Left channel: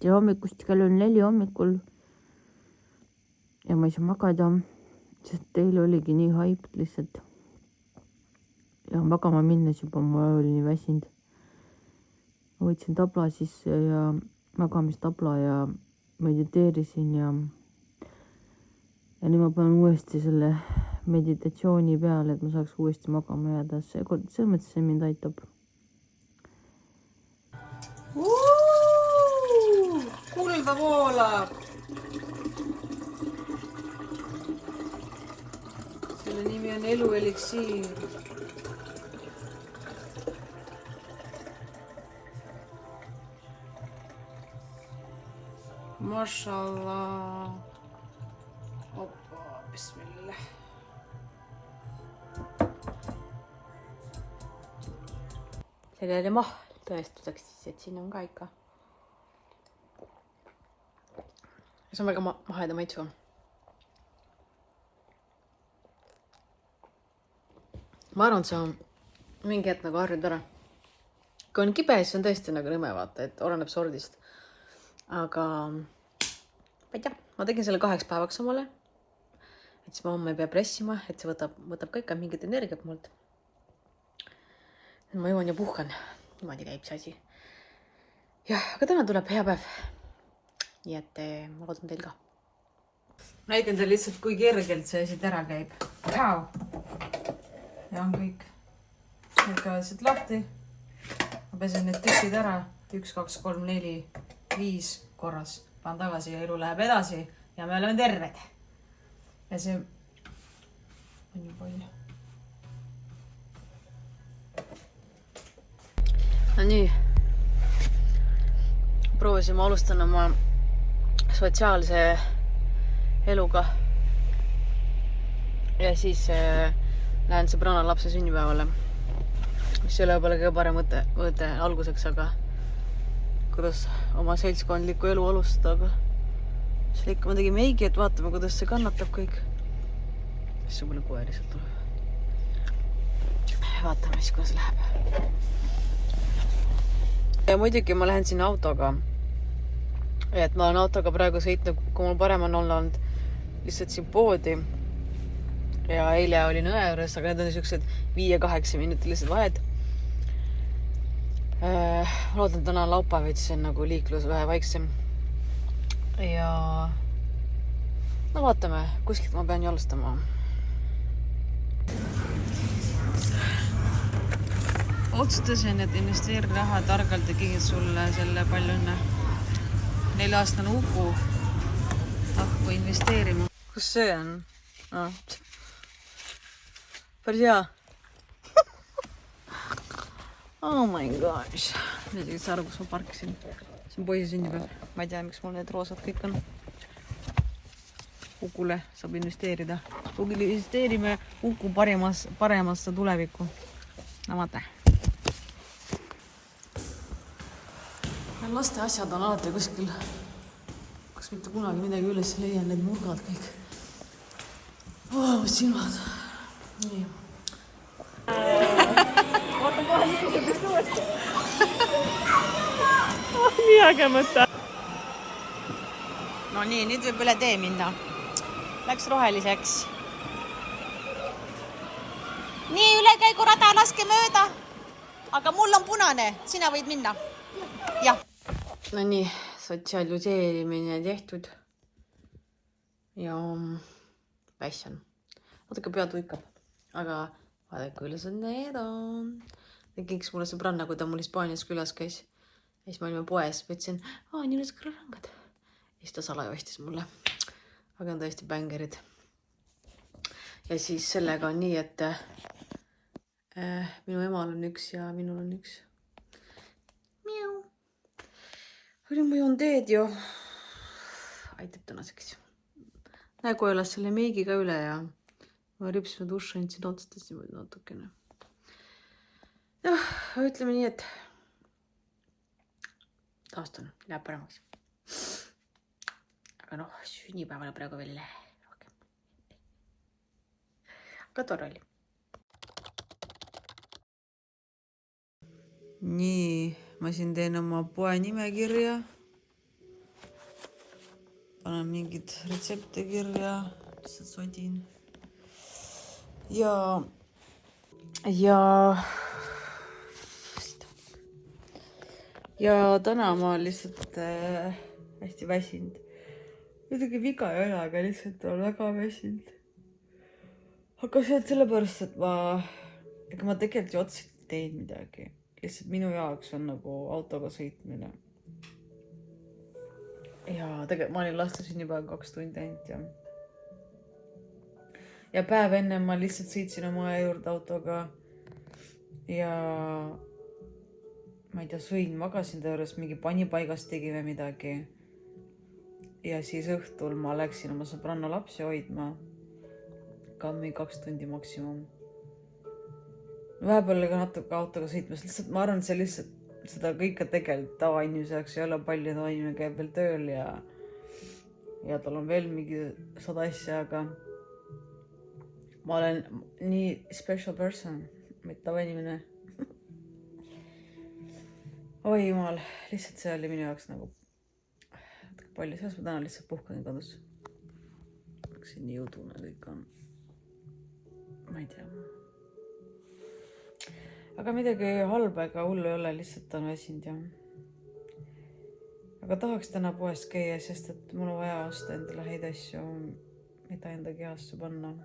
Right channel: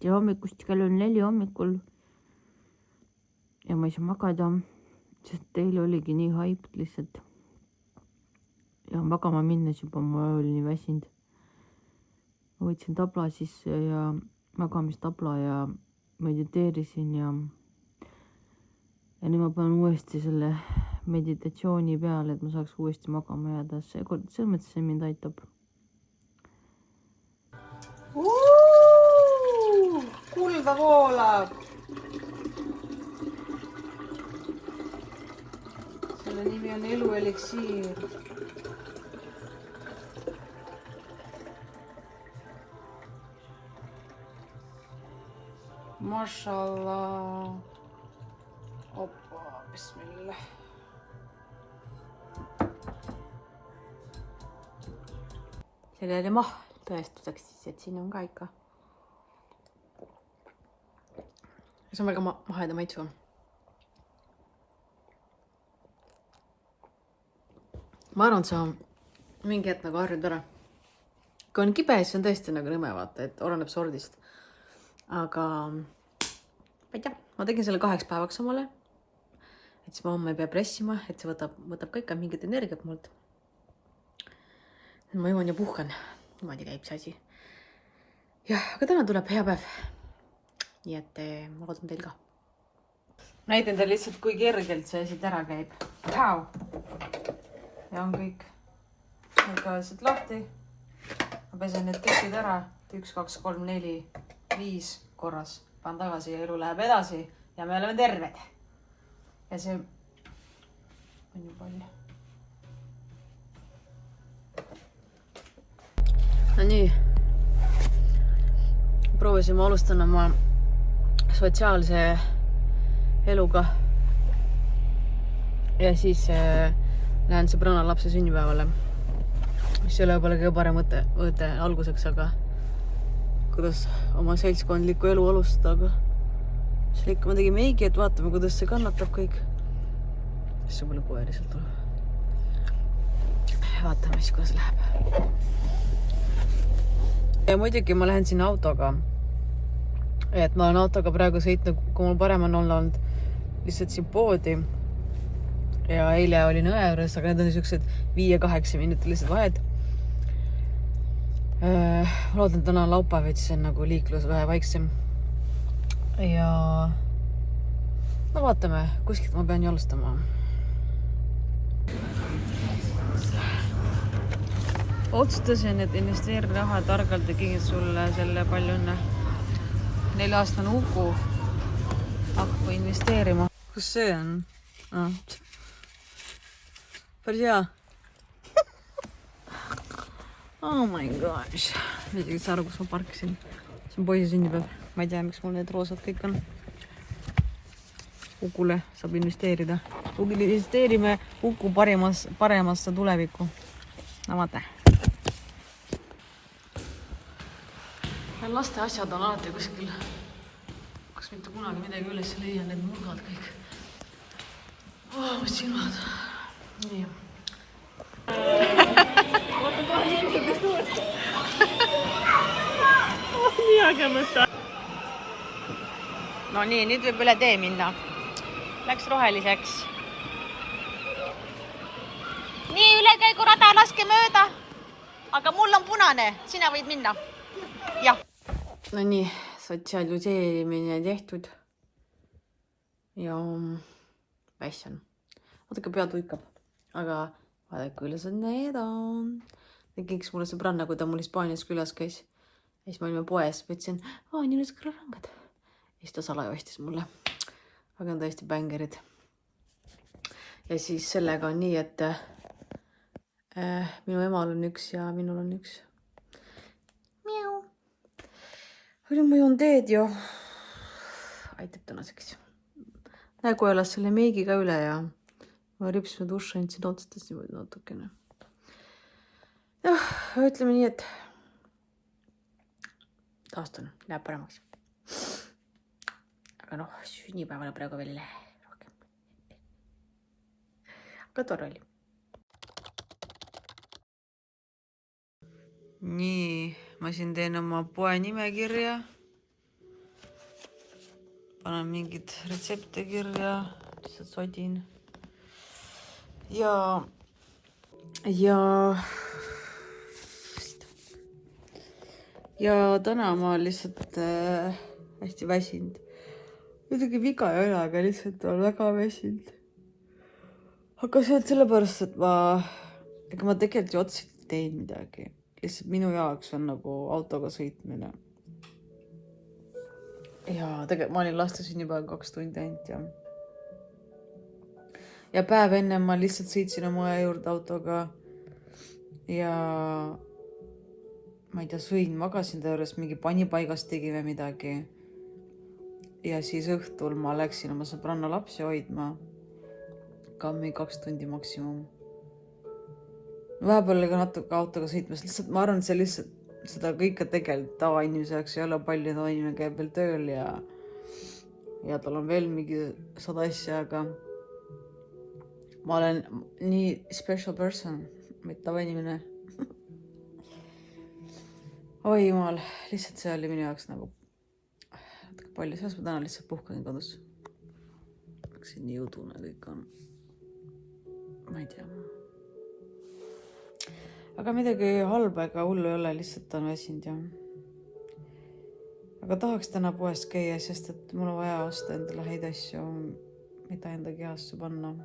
ja hommikust kell on 4 hommikul ja ma ei saa magada, sest eile oligi nii haip lihtsalt. Ja magama minnes juba ma olin nii väsinud. Ma võtsin tabla sisse ja magamistabla ja mediteerisin ja nüüd ma panen uuesti selle meditatsiooni peale, et ma saaks uuesti magama jääda. See mõttes see mind aitab. Kulda voolab. Selle nimi on elu eliksiir. Mashallah. Oppa, bismillah. Sellele ma tõestuseks siis, et siin on ka ikka. See on väga maheda maitsu. Ma arvan, et see on mingi hetk nagu harjud ära. Kui on kibe, siis on tõesti nagu nõme vaata, et oleneb sordist. Aga ma ei tea, ma tegin selle 2 päevaks omale. Et siis ma homme ei pea pressima, et see võtab ka ikka mingit energiat mult. Ma joon ja puhkan. Niimoodi käib see asi. Jah, aga täna tuleb hea päev. Nii et ma loodan teil ka. Näitan teil lihtsalt, kui kergelt see asi ära käib. Pau! Ja on kõik. Need ka lihtsalt lahti. Ma pesen need tekid ära. 1, 2, 3, 4, 5 korras. Panen tagasi ja elu läheb edasi. Ja me oleme terved. Ja see on ju palju. No nii. Proovisime alustada oma sotsiaalse eluga. Ja siis lähen sõbrana lapse sünnipäevale. Mis ei ole võib-olla kõige parem mõte alguseks, aga kuidas oma seltskondlikku elu alustada. Siis ikka ma tegin meigi, et vaatame, kuidas see kannatab kõik. Siis on palju koeri sealt tuleb. Vaatame siis, kuidas läheb. Ja muidugi ma lähen sinna autoga. Et ma olen autoga praegu sõitnud, kui mul parem on olnud lihtsalt siin poodi. Ja eile olin õe juures, aga need on niisugused 5-8 minutilised vahed. Ma loodan, täna on laupäev, et siis on nagu liiklus vähe vaiksem. Ja no vaatame, kuskilt ma pean ju alustama. Otsustasin, et investeeri raha targalt ja kingin sulle selle palju õnne. 4-aastane Uku hakkab investeerima. Kus see on? Päris hea. Oh my gosh. Ma ei tea, saa aru, kus ma parkisin. See on poisi sünnipäev. Ma ei tea, miks mul need roosad kõik on. Ukule saab investeerida. Investeerime Uku paremasse tulevikku. No vaata. Laste asjad on alati kuskil, kus mitte kunagi midagi üles leian, need murgad kõik. Mis silmad. Nii. Vaata kohe liikudest uuesti. Nii äge mõte. No nii, nüüd võib üle tee minna. Läks roheliseks. Nii, ülekäigurada laske mööda. Aga mul on punane, sina võid minna. Jah. No nii, sotsialiseerimine tehtud. Ja vässan. Vaadake, pea tuikab. Aga vaadake, kuidas need on. Tegiks mulle sõbranna, kui ta mul Hispaanias külas käis. Ja siis ma olime poes, võtsin, nii üles kõrrangad. Ja siis ta salaja ostis mulle. Aga on tõesti bängerid. Ja siis sellega on nii, et minu emal on üks ja minul on üks. Nüüd ma joon teed ja aitab tänaseks. Nägu elas selle meigiga üle ja ma ripsime duši andsin otsustasin natukene. Ütleme nii, et taastun, läheb paremaks. Aga sünnipäevale praegu veel ei lähe rohkem. Aga tore oli. Nii, ma siin teen oma poe nimekirja. Panen mingid retsepte kirja, lihtsalt sodin. Ja täna ma lihtsalt hästi väsinud. Muidugi viga ei ole, aga lihtsalt on väga väsinud. Aga see on sellepärast, et ega ma tegelikult ju otseselt teen midagi. Lihtsalt minu jaoks on nagu autoga sõitmine. Ja tegelikult ma olin lastesin juba 2 tundi ainult ja päev enne ma lihtsalt sõitsin oma juurde autoga ja ma ei tea, sõin, magasin ta juures, mingi panipaigast tegi või midagi. Ja siis õhtul ma läksin oma sõbranna lapsi hoidma. Ka mingi 2 tundi maksimum. Vahepeal ka natuke autoga sõitmas. Lihtsalt ma arvan, et see lihtsalt seda kõike tegelikult tavainimese jaoks ei ole palju. Tavainimene käib veel tööl ja tal on veel mingi 100 asja, aga ma olen nii special person, mitte tavainimene. Oi jumal, lihtsalt see oli minu jaoks nagu palju. Selles ma täna lihtsalt puhkan kodus. Siin nii udune kõik on. Ma ei tea. Aga midagi halba ega hullu ei ole, lihtsalt on väsinud ja. Aga tahaks täna poest käia, sest et mul on vaja osta endale häid asju, mida enda kehasse panna.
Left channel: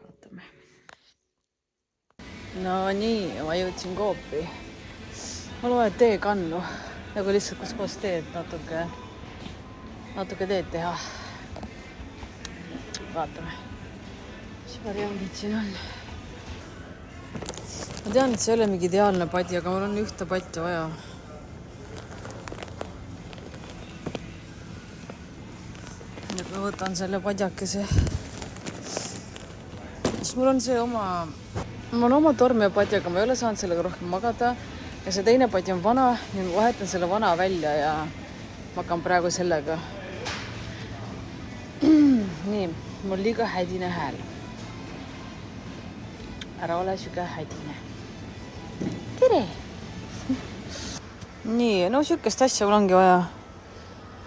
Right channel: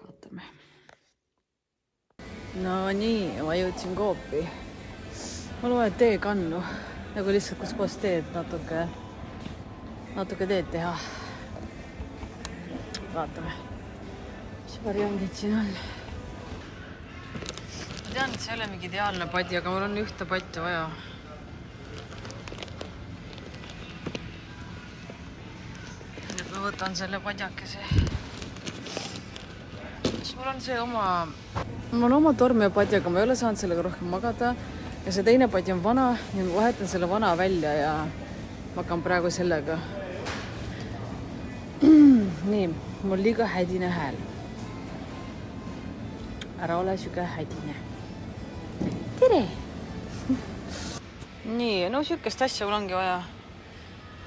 Vaatame. No nii, ma jõudsin Coopi. Mul vaja teekannu, nagu lihtsalt kus koos teed natuke teed teha. Vaatame, mis variandid siin on. Ma tean, et see ei ole mingi ideaalne padi, aga mul on ühte patti vaja. Nüüd ma võtan selle padjakese. Siis mul on see oma tormi ja padjaga, ma ei ole saanud sellega rohkem magada. Ja see teine padi on vana, ja ma vahetan selle vana välja ja ma hakkan praegu sellega. Nii, mul liiga hädine hääl. Ära ole süge hädine. Tere! Nii, no sükest asja mul ongi vaja.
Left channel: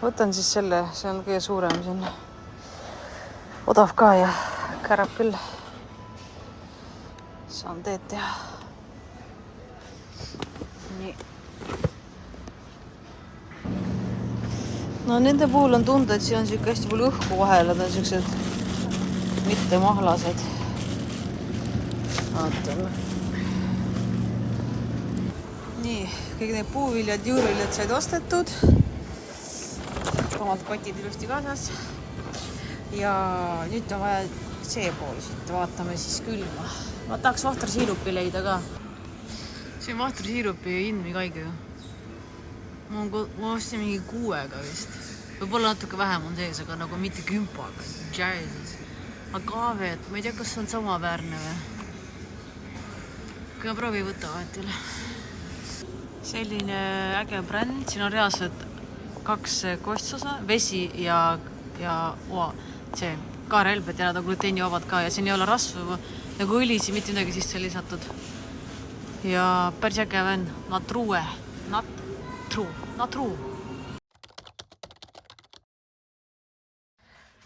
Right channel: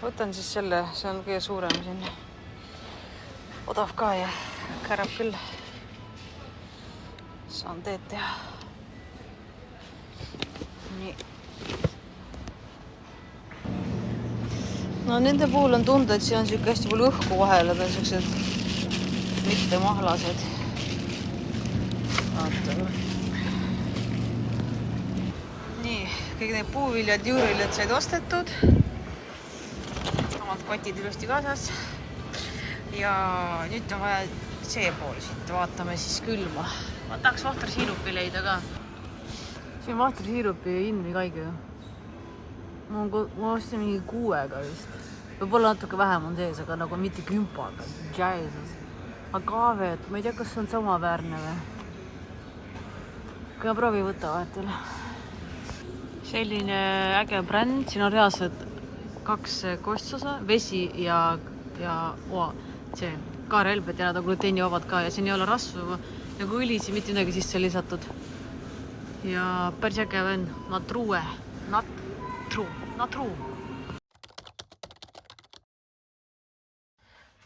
Võtan siis selle, see on kõige suurem siin. Odav ka ja kärab küll. Saan teed teha. Nii. No nende puhul on tunda, et siin on siuke hästi palju õhku vahel, nad on siuksed mitte mahlased. Vaatame. Nii, kõik need puuviljad, juuriviljad said ostetud. Omad kotid ilusti kaasas. Ja nüüd on vaja see pool siit. Vaatame siis külma. Ma tahaks vahtrasiirupi leida ka. See on vahtrasiirupi hind mingi haige ju. Ma ostsin mingi 6-ga vist. Võib-olla natuke vähem on sees, aga nagu mitte 10-ga. Jesus. Agave, et ma ei tea, kas see on samaväärne või. Kui ma proovi võtta vahetil. Selline äge bränd. Siin on reaalselt 2 kostsosa, vesi ja see kaarelbed ja nad on gluteenivabad ka ja siin ei ole rasvu nagu õlisi, mitte midagi sisse lisatud. Ja päris äge on Natrue. Ma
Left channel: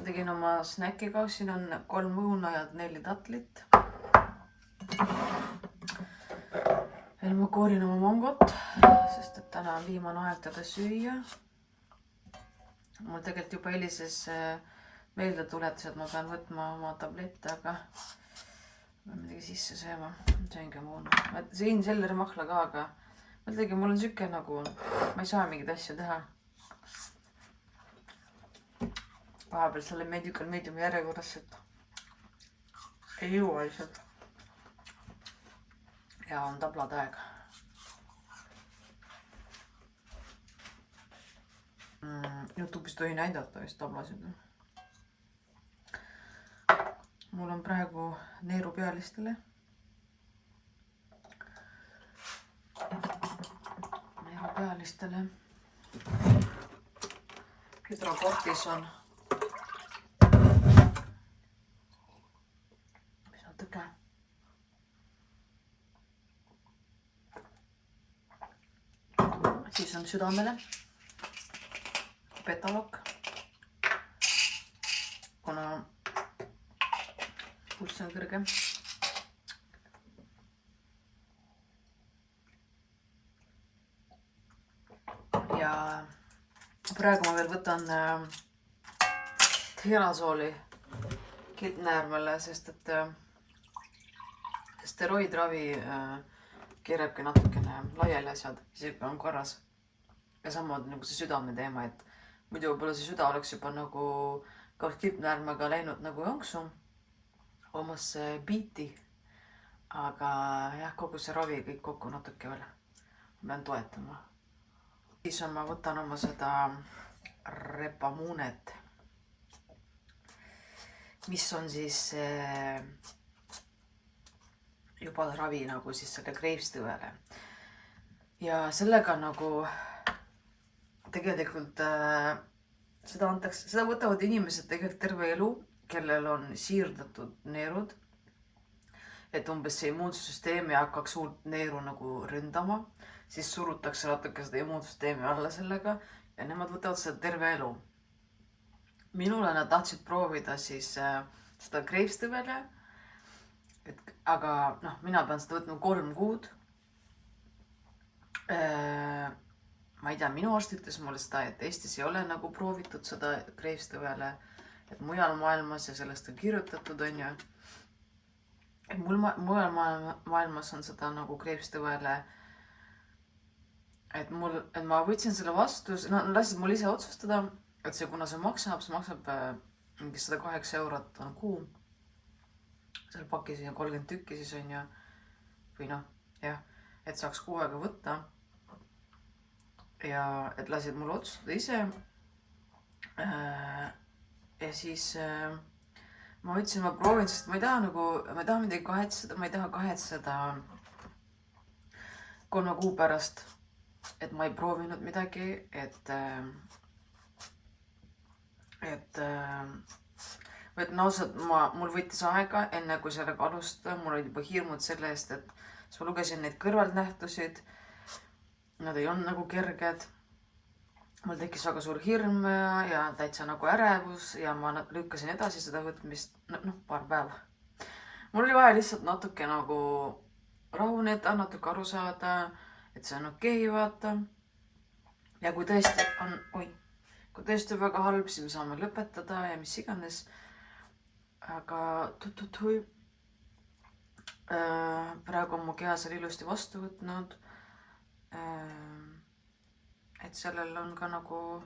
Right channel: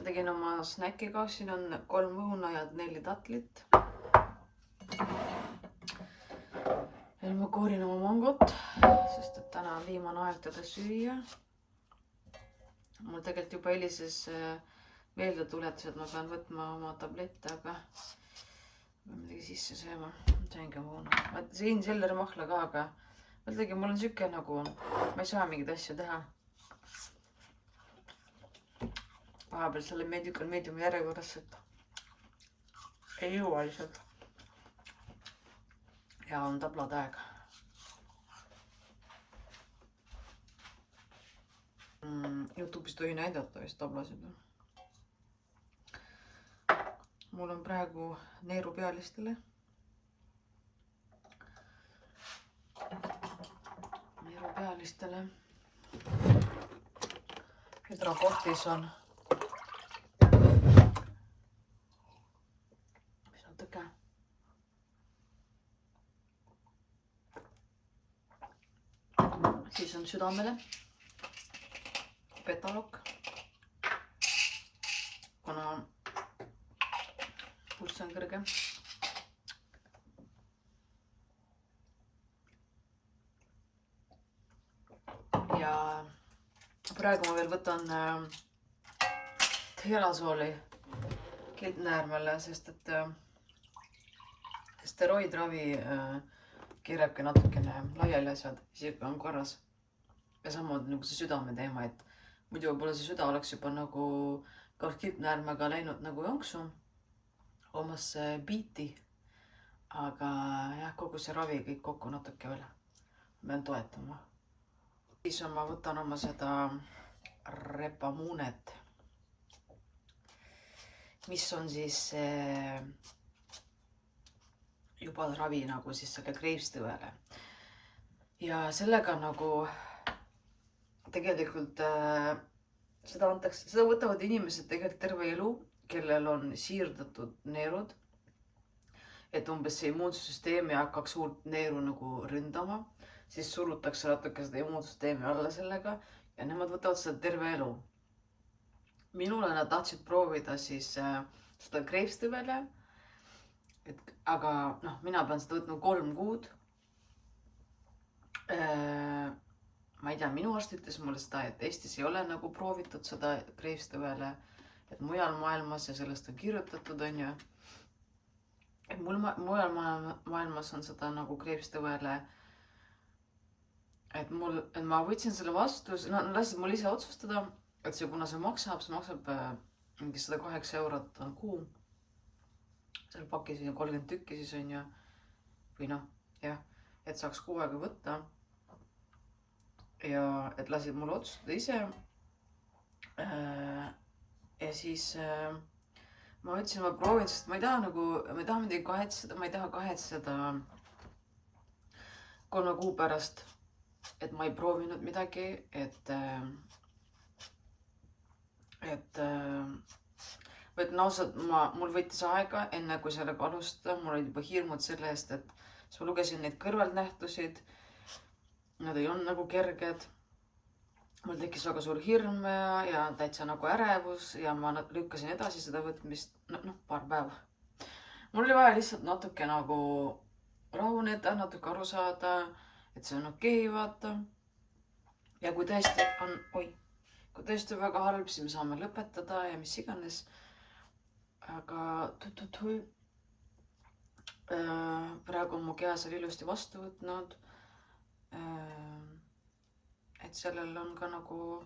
tegin oma snäkiga, siin on 3 õuna ja 4 tatlit. Veel ma koorin oma mangot, sest et täna on viimane aeg teda süüa. Mul tegelikult juba helises meelde tuletas, et ma pean võtma oma tablette, aga ma midagi sisse sööma. Saingi muun. Ma sõin Selleri mahla ka, aga mul on süke nagu, ma ei saa mingid asja teha. Vahepeal selle mediumi järjekorras, et ei jõua lihtsalt. Ja on tablad aeg. YouTube'is tohi näidata vist tablasid. Mul on praegu neerupealistele. Hydrokortis on natuke siis on südamele betalokk, kuna pulss on kõrge. Ja praegu ma veel võtan Therazooli kilpnäärmele, sest et steroidravi keerabki natukene laiali asjad, isegi on korras. Ja samamoodi nagu see südame teema, et muidu võib-olla see süda oleks juba nagu koos kilpnäärmega läinud nagu jonksu omasse biiti. Aga jah, kogu see ravi kõik kokku natuke veel. Ma pean toetama. Siis ma võtan oma seda Repamunet, mis on siis juba ravi nagu siis selle kreivstõvele. Ja sellega nagu tegelikult seda võtavad inimesed tegelikult terve elu, kellel on siirdatud neerud, et umbes see immuunsüsteem ei hakkaks suurt neeru nagu ründama, siis surutakse natuke seda immuunsüsteemi alla sellega ja nemad võtavad seda terve elu. Minule nad tahtsid proovida siis seda kreivstõvele, aga mina pean seda võtma 3 kuud. Ma ei tea, minu arst ütles mulle seda, et Eestis ei ole nagu proovitud seda kreivstõvele, et mujal maailmas ja sellest on kirjutatud, on ju. Et mujal maailmas on seda nagu kreivstõvele, et ma võtsin selle vastu, lasid mul ise otsustada, et see, kuna see maksab mingi 108 eurot on kuu. Seal pakis on 30 tükki siis on ju, või jah, et saaks kuu aega võtta. Ja et lasid mul otsustada ise. Ja siis ma ütlesin, ma proovin, sest ma ei taha midagi kahetseda, ma ei taha kahetseda 3 kuu pärast, et ma ei proovinud midagi, et ausalt, mul võttis aega enne kui sellega alustada, mul olid juba hirmud selle eest, et siis ma lugesin neid kõrvalnähtusid, nad ei olnud nagu kerged, mul tekkis väga suur hirm ja täitsa nagu ärevus ja ma lükkasin edasi seda võtmist, paar päeva. Mul oli vaja lihtsalt natuke nagu rahuneda, natuke aru saada, et see on okei, vaata. Ja kui tõesti on väga halb, siis me saame lõpetada ja mis iganes. Aga praegu on mu keha seal ilusti vastu võtnud. Et sellel on ka nagu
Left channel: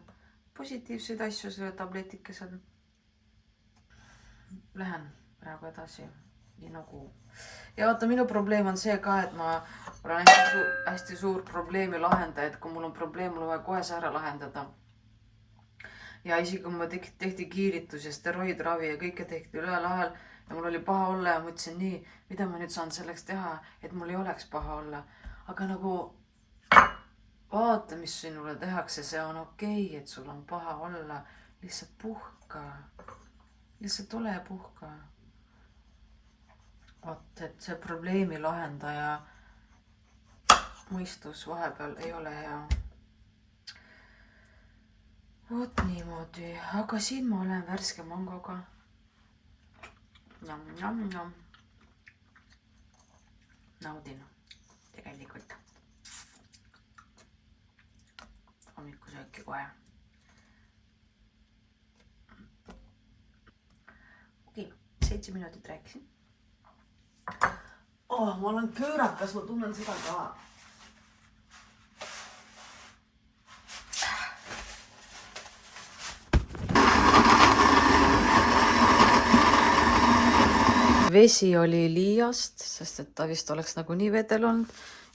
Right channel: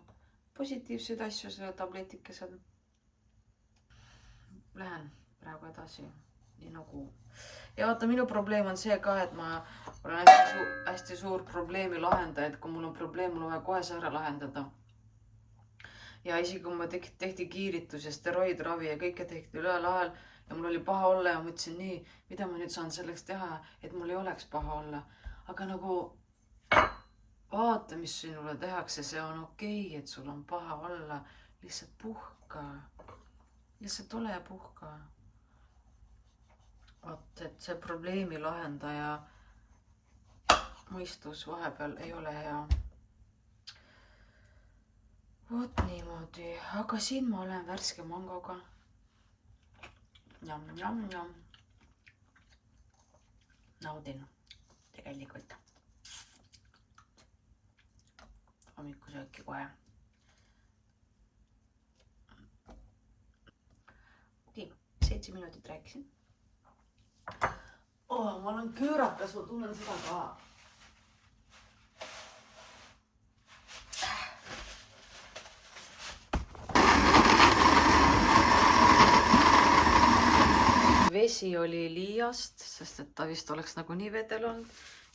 positiivseid asju selle tabletikesel. Lähen praegu edasi. Nii nagu. Ja vaata, minu probleem on see ka, et ma olen hästi suur probleemi lahendaja, et kui mul on probleem, mul on vaja kohe see ära lahendada. Ja isegi kui ma tehti kiiritus ja steroidravi ja kõike tehti ühel ajal ja mul oli paha olla ja mõtlesin nii, mida ma nüüd saan selleks teha, et mul ei oleks paha olla. Aga nagu vaata, mis sinule tehakse, see on okei, et sul on paha olla. Lihtsalt puhka. Lihtsalt ole ja puhka. Vaat, et see probleemi lahendaja mõistus vahepeal ei ole hea. Vot niimoodi, aga siin ma olen värske mangoga. Njam. Naudin tegelikult. Hommikusööki kohe. Okei, 7 minutit rääkisin. Ma olen köörakas, ma tunnen seda ka. Vesi oli liiast, sest et ta vist oleks nagu nii vedel olnud.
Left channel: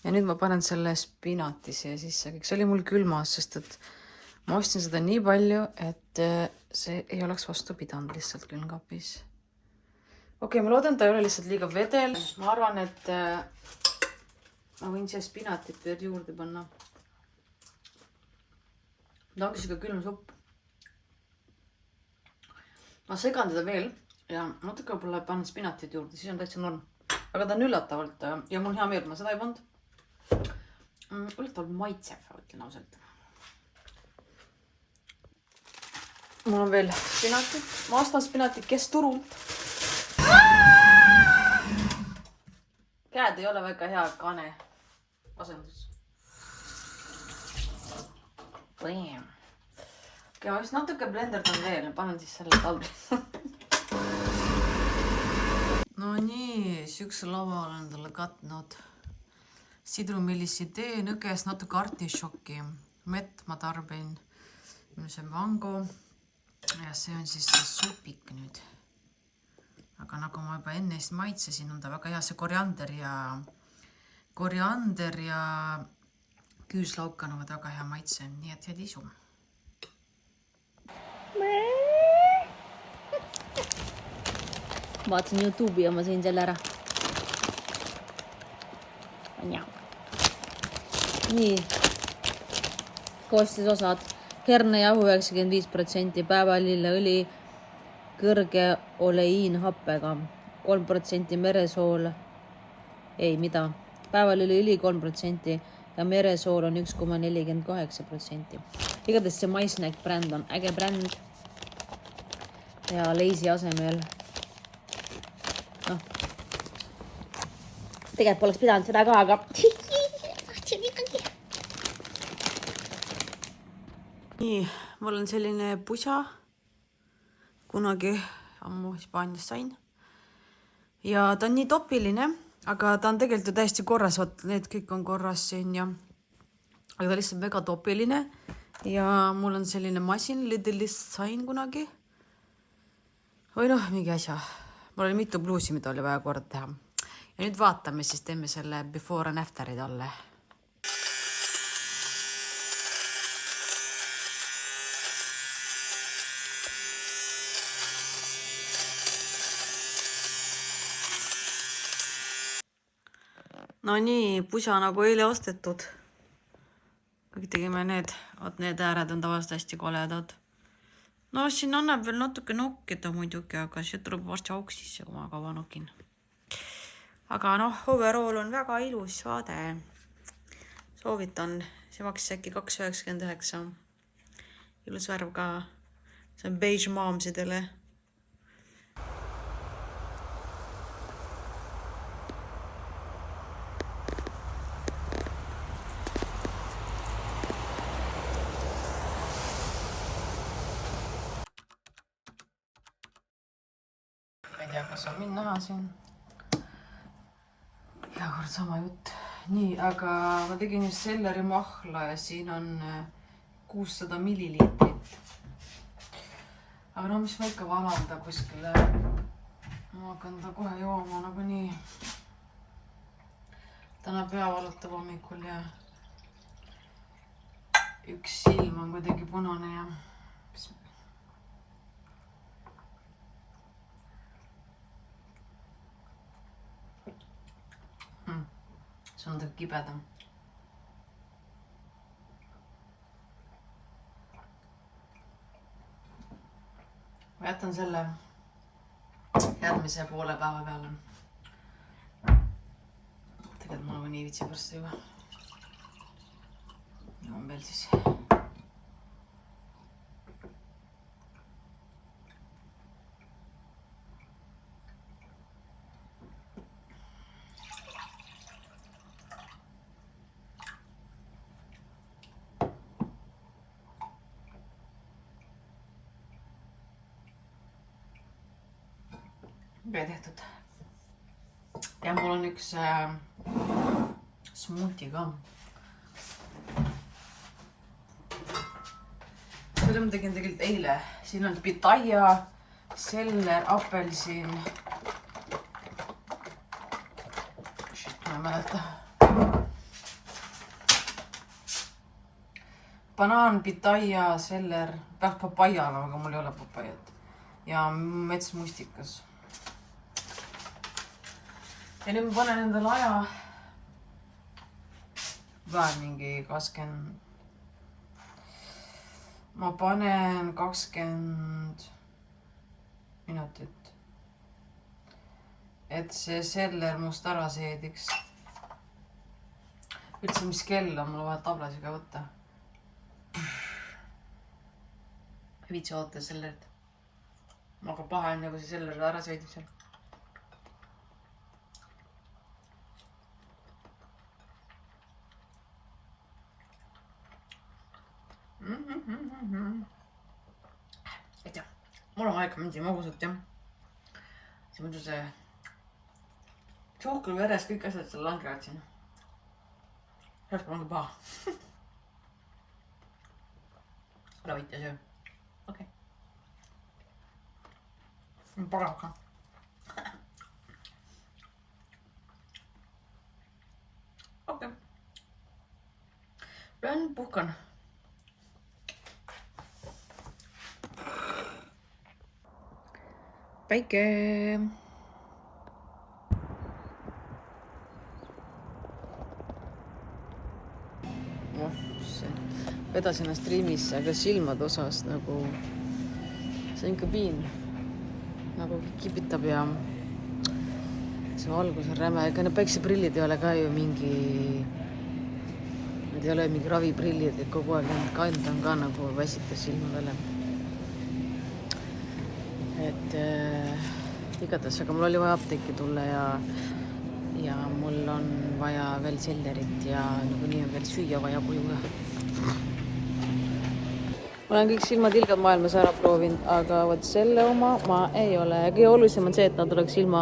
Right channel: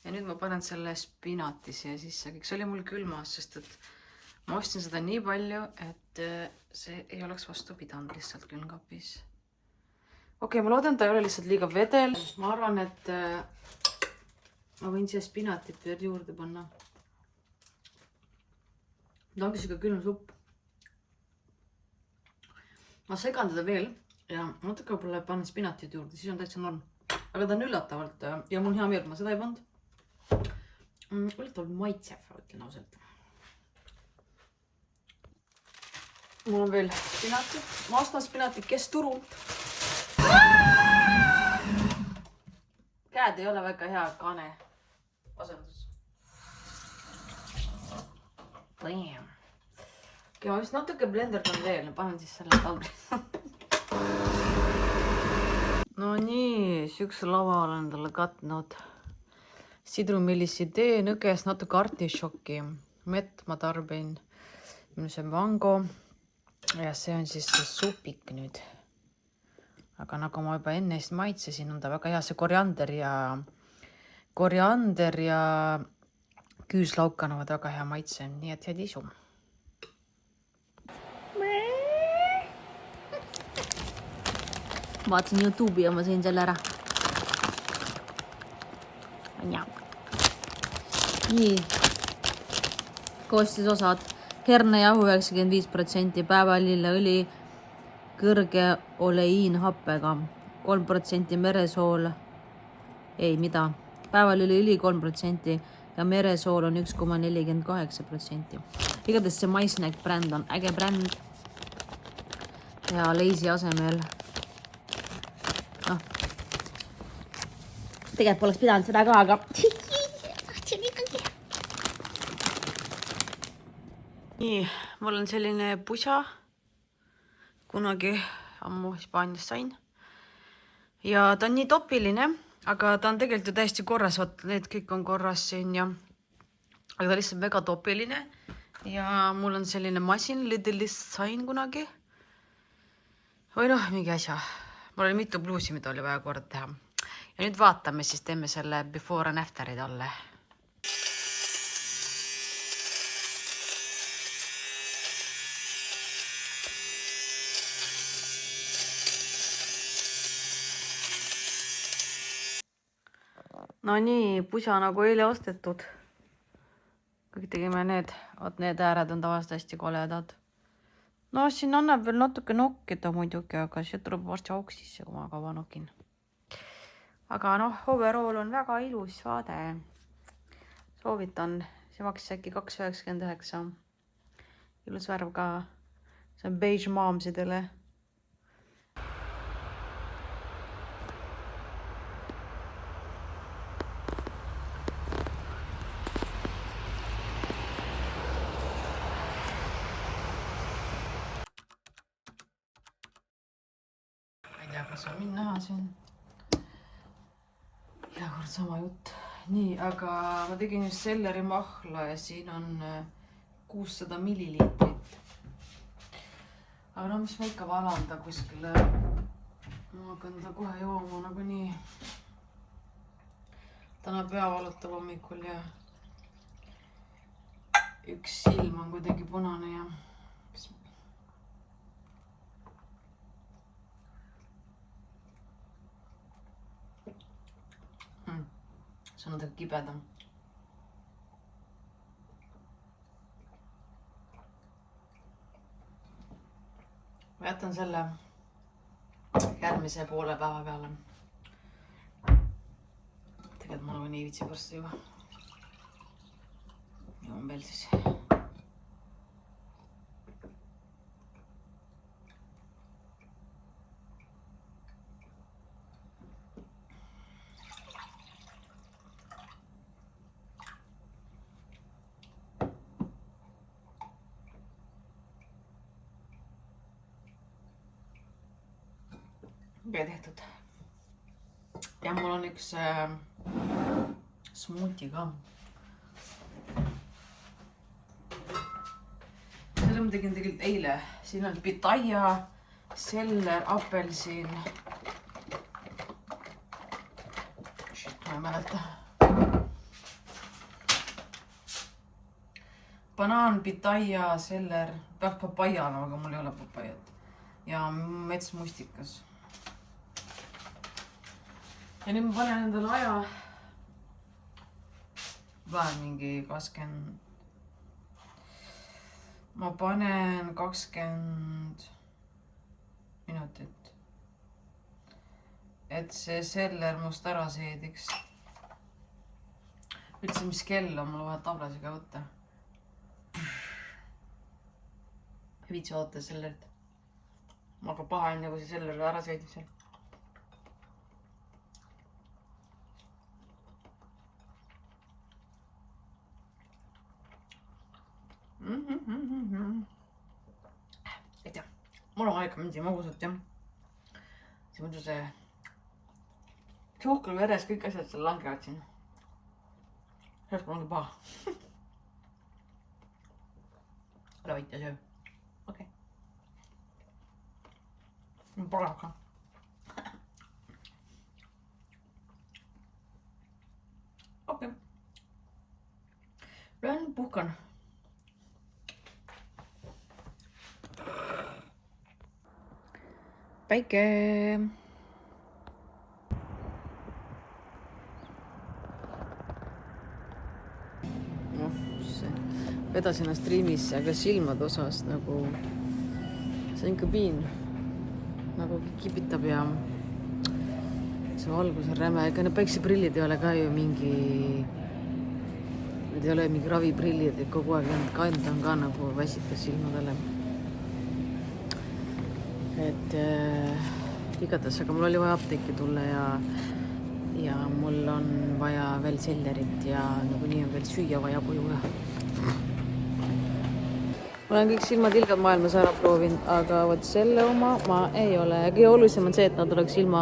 Ja nüüd ma panen selle spinati siia sisse. See oli mul külmas, sest et ma ostsin seda nii palju, et see ei oleks vastu pidanud lihtsalt külmkapis. Okei, ma loodan, ta ei ole lihtsalt liiga vedel. Ma arvan, et ma võin siia spinatit veel juurde panna. Ta ongi siuke külm supp. Ma segan teda veel. Ja natuke võib-olla panen spinatit juurde, siis on täitsa norm. Aga ta on üllatavalt ja mul hea meel, ma seda ei pannud. Üllatavalt maitsev, ütlen ausalt. Mul on veel spinatit, maastaspinatit, kes turult. Käed ei ole väga hea kaane asendus. Okei, ma vist natuke blenderdan veel, panen siis selle tabli. No nii, sükse lava olen talle katnud. Sidrumillisi tee, nõges natuke artišoki. Mett ma tarbin. See on mango. Ja see on siis supik nüüd. Aga nagu ma juba enne maitsesin, on ta väga hea. See koriander ja küüslauk annavad väga hea maitse. Nii et head isu. Vaatasin YouTube'i ja ma sõin selle ära. Nii. Koostisosad. Hernejahu 95%, päevalilleõli kõrge oleiinhappega, 3% meresool. Ei, mida? Päevalilleõli 3% ja meresool on 1,48%. Igatahes see MySnack bränd on äge bränd. Ja Leisi asemel. Tegelikult poleks pidanud seda ka, aga nii, mul on selline pusa. Kunagi ammu Hispaanias sain. Ja ta on nii topiline, aga ta on tegelikult ju täiesti korras. Vaat, need kõik on korras siin ja... Aga ta lihtsalt väga topiline. Ja mul on selline masin, Lidlist sain kunagi. Või noh, mingi asja. Mul oli mitu bluusi, mida oli vaja kord teha. Ja nüüd vaatame, siis teeme selle before and afterid alle. No nii, pusa nagu eile ostetud. Kõik tegime need ääred on tavaliselt hästi koledad. No siin annab veel natuke nokkida muidugi, aga see tuleb varsti auk sisse, kui ma kaua nokin. Aga noh, overall on väga ilus vaade. Soovitan, see maksis äkki 2,99. Ilus värv ka. See on beige maamsidele. Ma ei tea, kas on mind näha siin. Iga kord sama jutt. Nii, aga ma tegin just selleri mahla ja siin on 600 milliliitrit. Aga no mis ma ikka valanda kuskile. Ma hakkan ta kohe jooma nagu nii. Täna pea valutab hommikul ja üks silm on kuidagi punane ja... See on natuke kibedam. Ma jätan selle järgmise poole päeva peale. Tegelikult ma nagu nii vitsi varsti juba. Joon veel siis. Okei, tehtud. Ja mul on üks smoothie ka. Selle ma tegin tegelikult eile. Siin on pitaya, seller, apelsin. Shit, ma ei mäleta. Banaan, pitaya, seller. Peaks papaya olema, aga mul ei ole papayat. Ja metsmustikas. Ja nüüd ma panen endale aja vähem mingi 20. Ma panen 20 minutit. Et see seller must ära seediks. üldse, mis kell on, mulle vaja tablasiga võtta. Ei viitsi oota sellerit. Aga paha on, kui see selleri ära sõidib seal. Ei tea, mul on aega mingi magusat, jah. See muidu see suhkru veres kõik asjad seal langevad siin. Sellest mul on ka paha. Ära võita söö. Okei. Parav ka. Okei. Lähen puhkan. Päike. Vedasin striimis, aga silmad osas nagu see on ikka piin nagu kipitab ja see valgus on räme, ega need päikseprillid ei ole ka ju mingi, need ei ole mingi raviprillid, et kogu aeg need kand on ka nagu väsitas silma peale. Et igatahes, aga mul oli vaja apteeki tulla ja mul on vaja veel sellerit ja nagu nii on veel süüa vaja koju. Ma olen kõik silmatilgad maailmas ära proovinud, aga võt selle oma ma ei ole. Kõige olulisem on see, et nad oleks ilma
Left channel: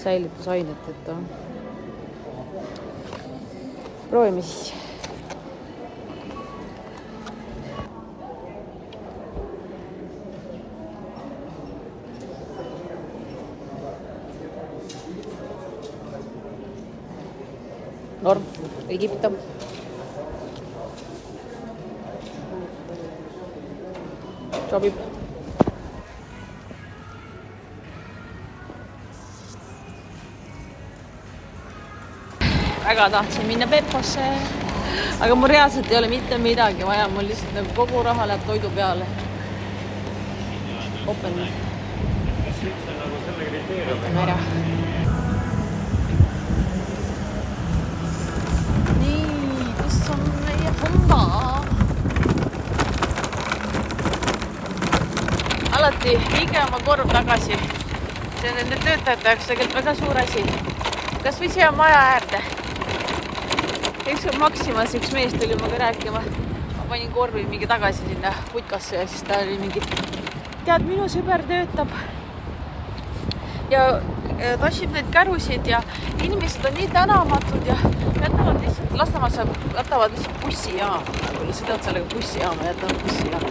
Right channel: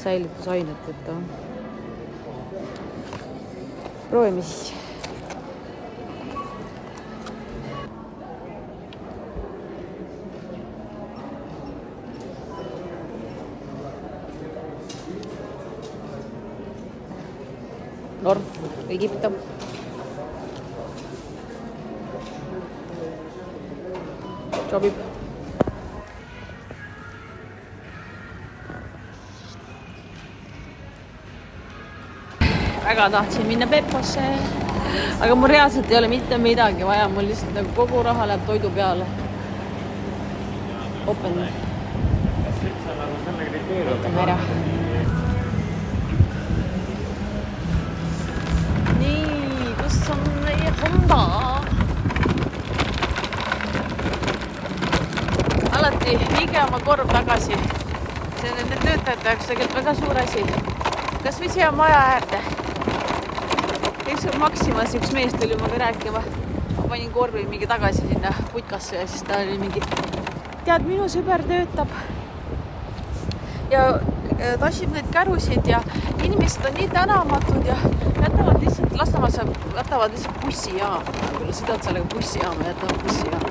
säilitusainet. Proovime siis. Norm, ei kipta. Sobib. Väga tahtsin minna Pepposse, aga mul reaalselt ei ole mitte midagi vaja, mul lihtsalt nagu kogu raha läheb toidu peale. Open. Võtame ära. Nii, kus on meie Honda? Alati viige oma korv tagasi. See on nende töötajate jaoks tegelikult väga suur asi. Kas või siia maja äärde? Üks Maximas üks mees tuli maga rääkima. Ma panin korvi mingi tagasi sinna putkasse ja siis ta oli mingi, tead, minu sõber töötab ja tassib neid kärusid ja inimesed on nii tänamatud ja jätavad lihtsalt, Lasnamäel jätavad lihtsalt bussijaama. Nagu sõidavad sellega bussijaama, jätavad bussijaama.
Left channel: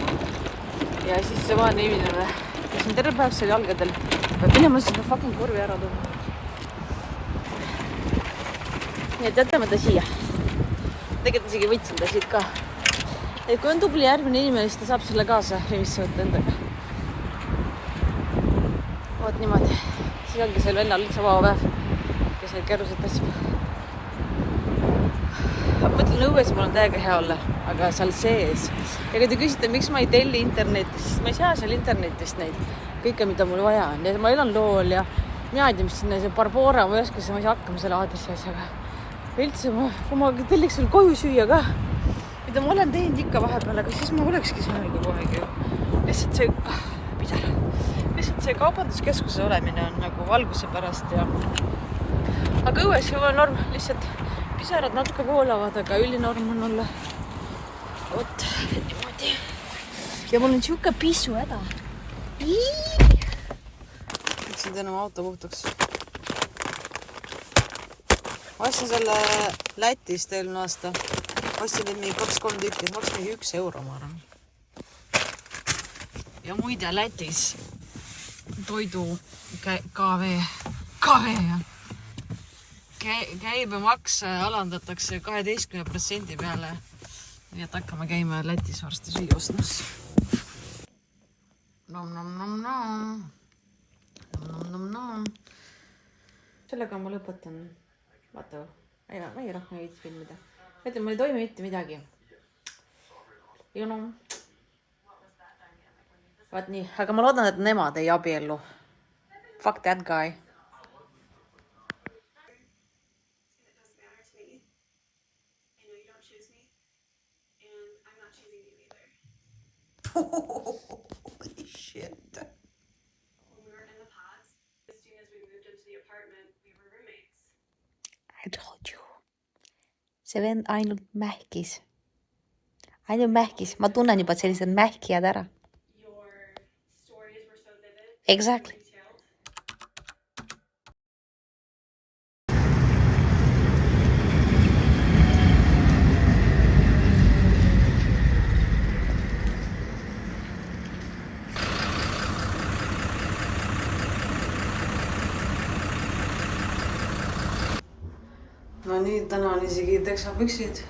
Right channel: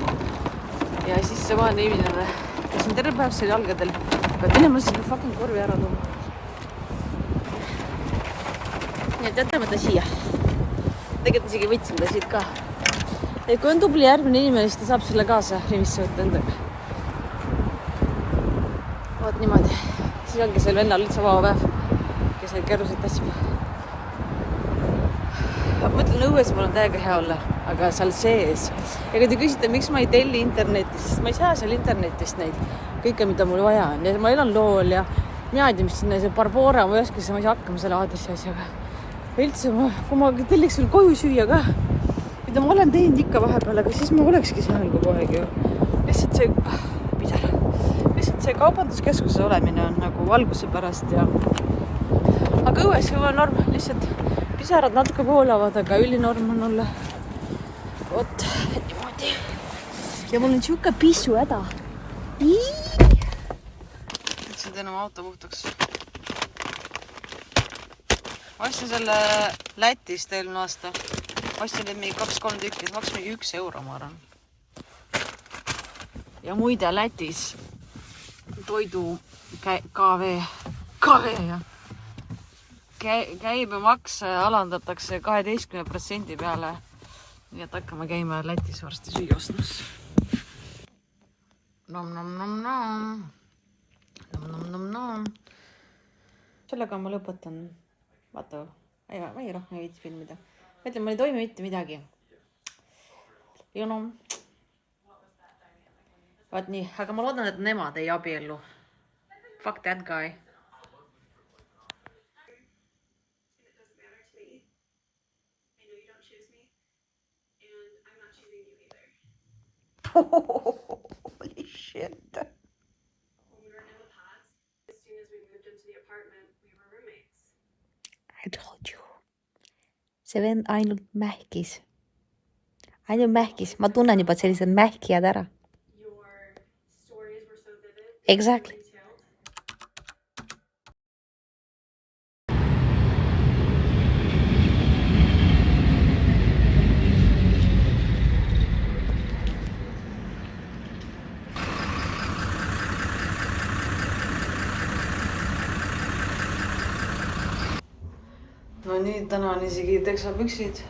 Ja siis see vaene inimene, kes on terve päev seal jalgadel, peab minema sinna fucking korvi ära tooma. Nii et jätame ta siia. Tegelikult isegi võtsin ta siit ka. Et kui on tubli järgmine inimene, siis ta saab selle kaasa remisse võtta endaga. Vaat niimoodi. Siis ongi seal vennal üldse vaba päev, kes neid kärused tassib. Mõtlen, õues mul on täiega hea olla, aga seal sees. Ja kui te küsite, miks ma ei telli internetist, siis ma ei saa seal internetist neid kõike, mida mul vaja on. Ja ma elan lool ja mina ei tea, mis sinna see Barbora, ma ei oska, ma ei saa hakkama selle aadressi asjaga. Üldse, kui ma telliks veel koju süüa ka, mida ma olen teinud ikka vahepeal, aga siis ma olekski seal kogu aeg ju. Lihtsalt see kaubanduskeskuses olemine on nagu valguse pärast ja... Aga õues juba norm, lihtsalt pisarad natuke voolavad, aga ülinorm on olla. Oot, niimoodi. Ja mul on siuke pissu häda. Võtsin täna oma auto puhtaks. Ma ostsin selle Lätist eelmine aasta. Ostsin neid mingi 2-3 tükki, see maks mingi 1 euro, ma arvan. Ja muide Lätis toidu KV ja käibemaks alandatakse 12% peale. Nii et hakkame käima Lätis varsti süüa ostmas. Nom. Sellega ma lõpetan. Vaata, ma ei rohkem ei viitsi filmida. Mõtlen, ma ei toimi mitte midagi. Vaat nii, aga ma loodan, et nemad ei abiellu. Fuck that guy. Holy shit. I told you. See vend ainult mähkis. Ainult mähkis. Ma tunnen juba, et sellised mähkijad ära. Exactly. No nii, täna on isegi teksapüksid.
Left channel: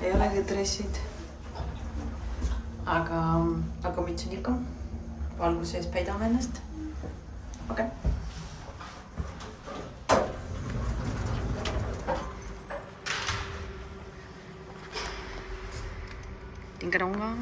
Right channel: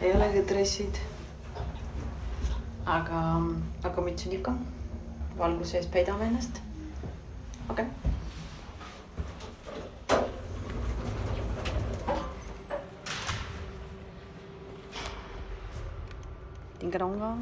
Ei olegi dressid. Aga mütsin ikka. Valgus sees peidame ennast. Okei. Tingadonga.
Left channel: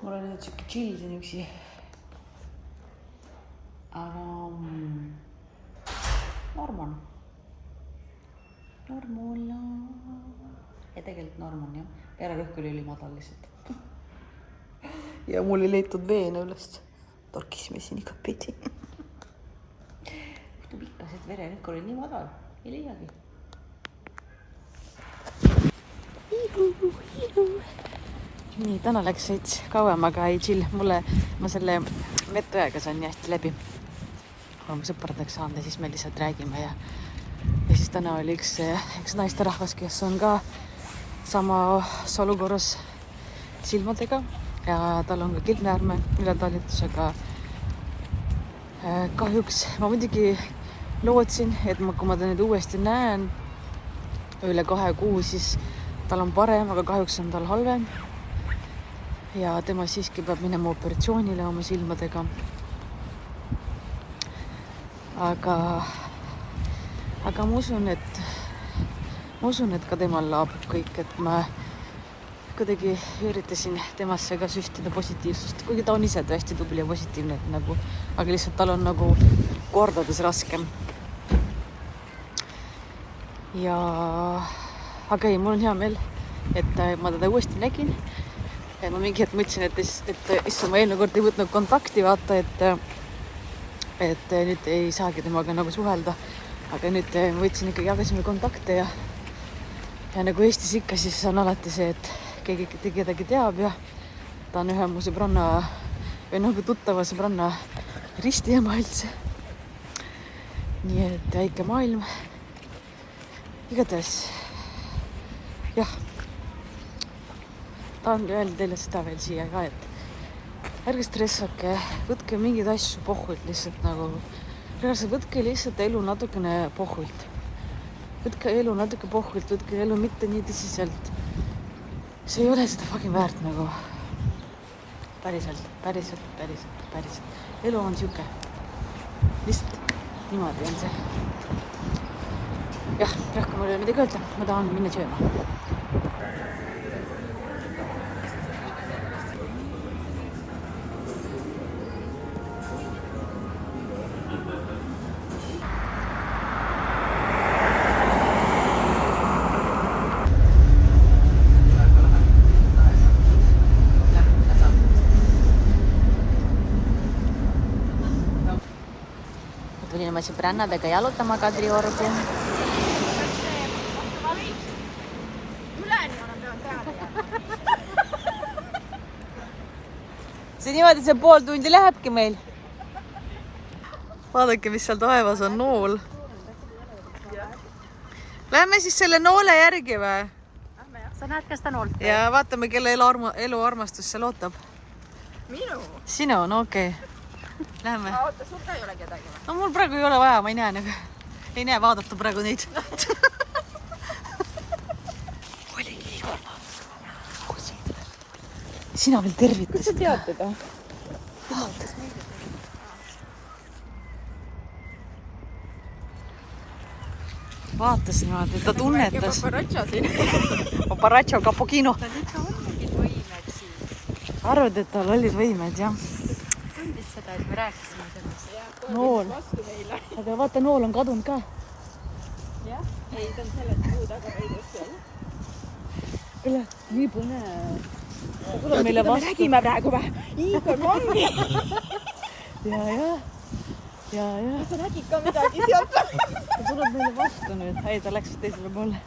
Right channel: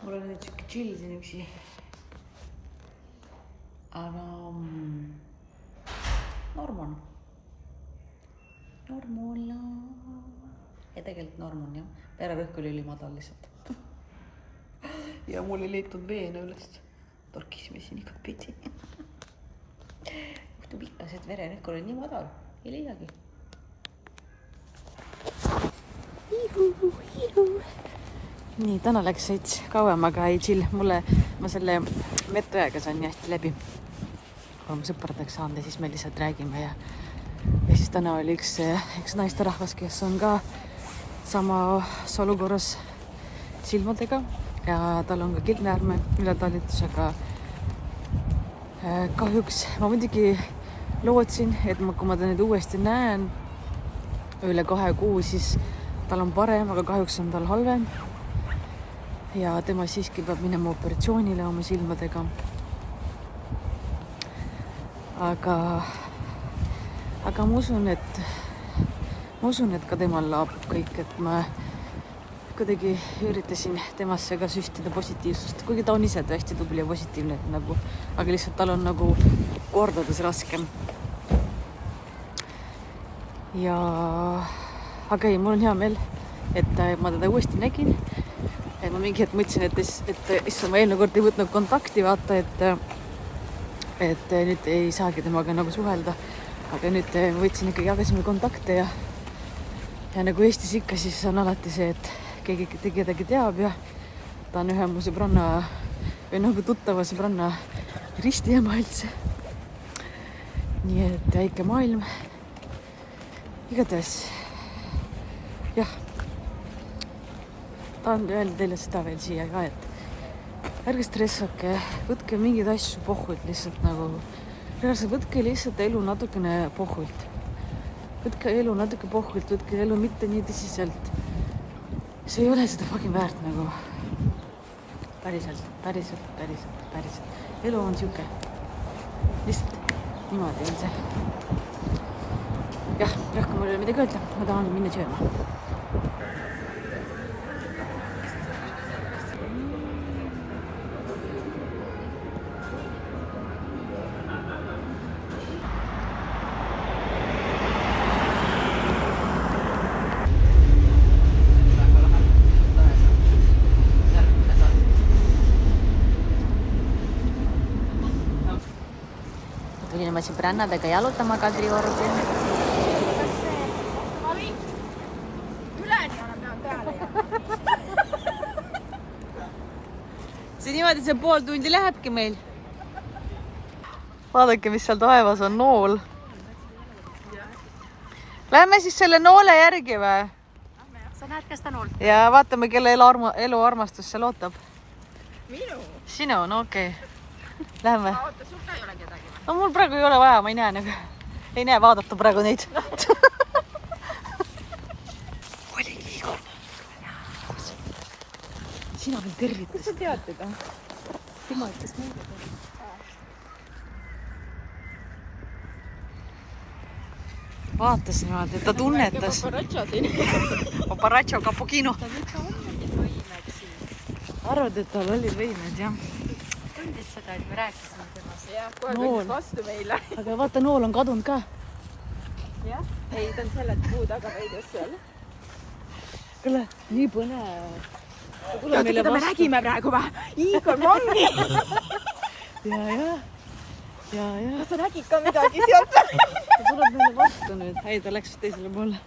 Mul on nüüd siuke chill siin üksi. Aga norm on. Ja tegelikult norm on jah. Vererõhk oli ülimadal lihtsalt. Ja mul ei leitud veene üles. Torkisime siin iga pidi. Juhtub ikka see, et vererõhk oli nii madal. Ei leiagi. Nii, täna läks veits kauem, aga ei chill. Ma selle metujaga saan nii hästi läbi. Oleme sõpradeks saanud ja siis me lihtsalt räägime ja siis täna oli üks naisterahvas, kes on ka samas olukorras silmadega ja tal on ka kildnäärme ületalitusega. Kahjuks ma muidugi lootsin, et kui ma ta nüüd uuesti näen üle 2 kuu, siis tal on parem, aga kahjuks on tal halvem. Ja tema siiski peab minema operatsioonile oma silmadega. Aga ma usun, et ka temal laabub kõik, et ma kuidagi üritasin temasse ka süstida positiivsust, kuigi ta on ise tõesti tubli ja positiivne, aga lihtsalt tal on kordades raskem. Aga ei, mul on hea meel, et ma teda uuesti nägin. Ma mingi hetk mõtlesin, et issand, ma eelmine kord ei võtnud kontakti, vaata, et nüüd ei saagi temaga suhelda. Aga nüüd ma võtsin ikkagi, jagasime kontakte ja nagu Eestis ikka, siis on alati see, et keegi kedagi teab ja ta on ühe mu sõbranna või tuttava sõbranna ristiema üldse. Nii et väike maailm. Igatahes, jah. Tahan öelda teile seda veel siia ka, et ärge stressake, võtke mingeid asju pohvult lihtsalt võtke lihtsalt elu natukene pohvult. Võtke elu natuke pohvult, võtke elu mitte nii tõsiselt. See ei ole seda fucking väärt päriselt. Elu on siuke. Lihtsalt niimoodi on see. Jah, rohkem mul ei ole midagi öelda, ma tahan minna sööma. Tulin oma sõbrannadega jalutama Kadriorgu see niimoodi see pool tundi lähebki meil. Vaadake, mis seal taevas on, nool. Lähme siis selle noole järgi või? Sa näed, kes ta nool? Ja vaatame, kelle eluarmastus seal ootab. Minu? Sinu, no okei. Lähme. Oota, sul ka ei ole kedagi või? No mul praegu ei ole vaja, ma ei näe nagu. Ei näe vaadata praegu neid. Oligi Igor. Sina veel tervitasid. Kus sa tead teda? Tema ütles meile. Vaatas niimoodi, et ta tunnetas. Paparatša siin. Paparatša, cappuccino. Tal ikka on mingid võimed siin. Arvad, et tal olid võimed, jah. Tundis seda, et me rääkisime temast. Jah, kohe Nool. võttis vastu meile. Aga vaata, nool on kadunud ka. Jah, ei, ta on selle puu taga veidus seal. Kuule, nii põnev. Ta tuleb meile Me vastu. nägime praegu või? Igor Mangi! Ja. Sa nägid ka midagi sealt? Ta tuleb meile vastu nüüd. Ei, ta läks teisele poole.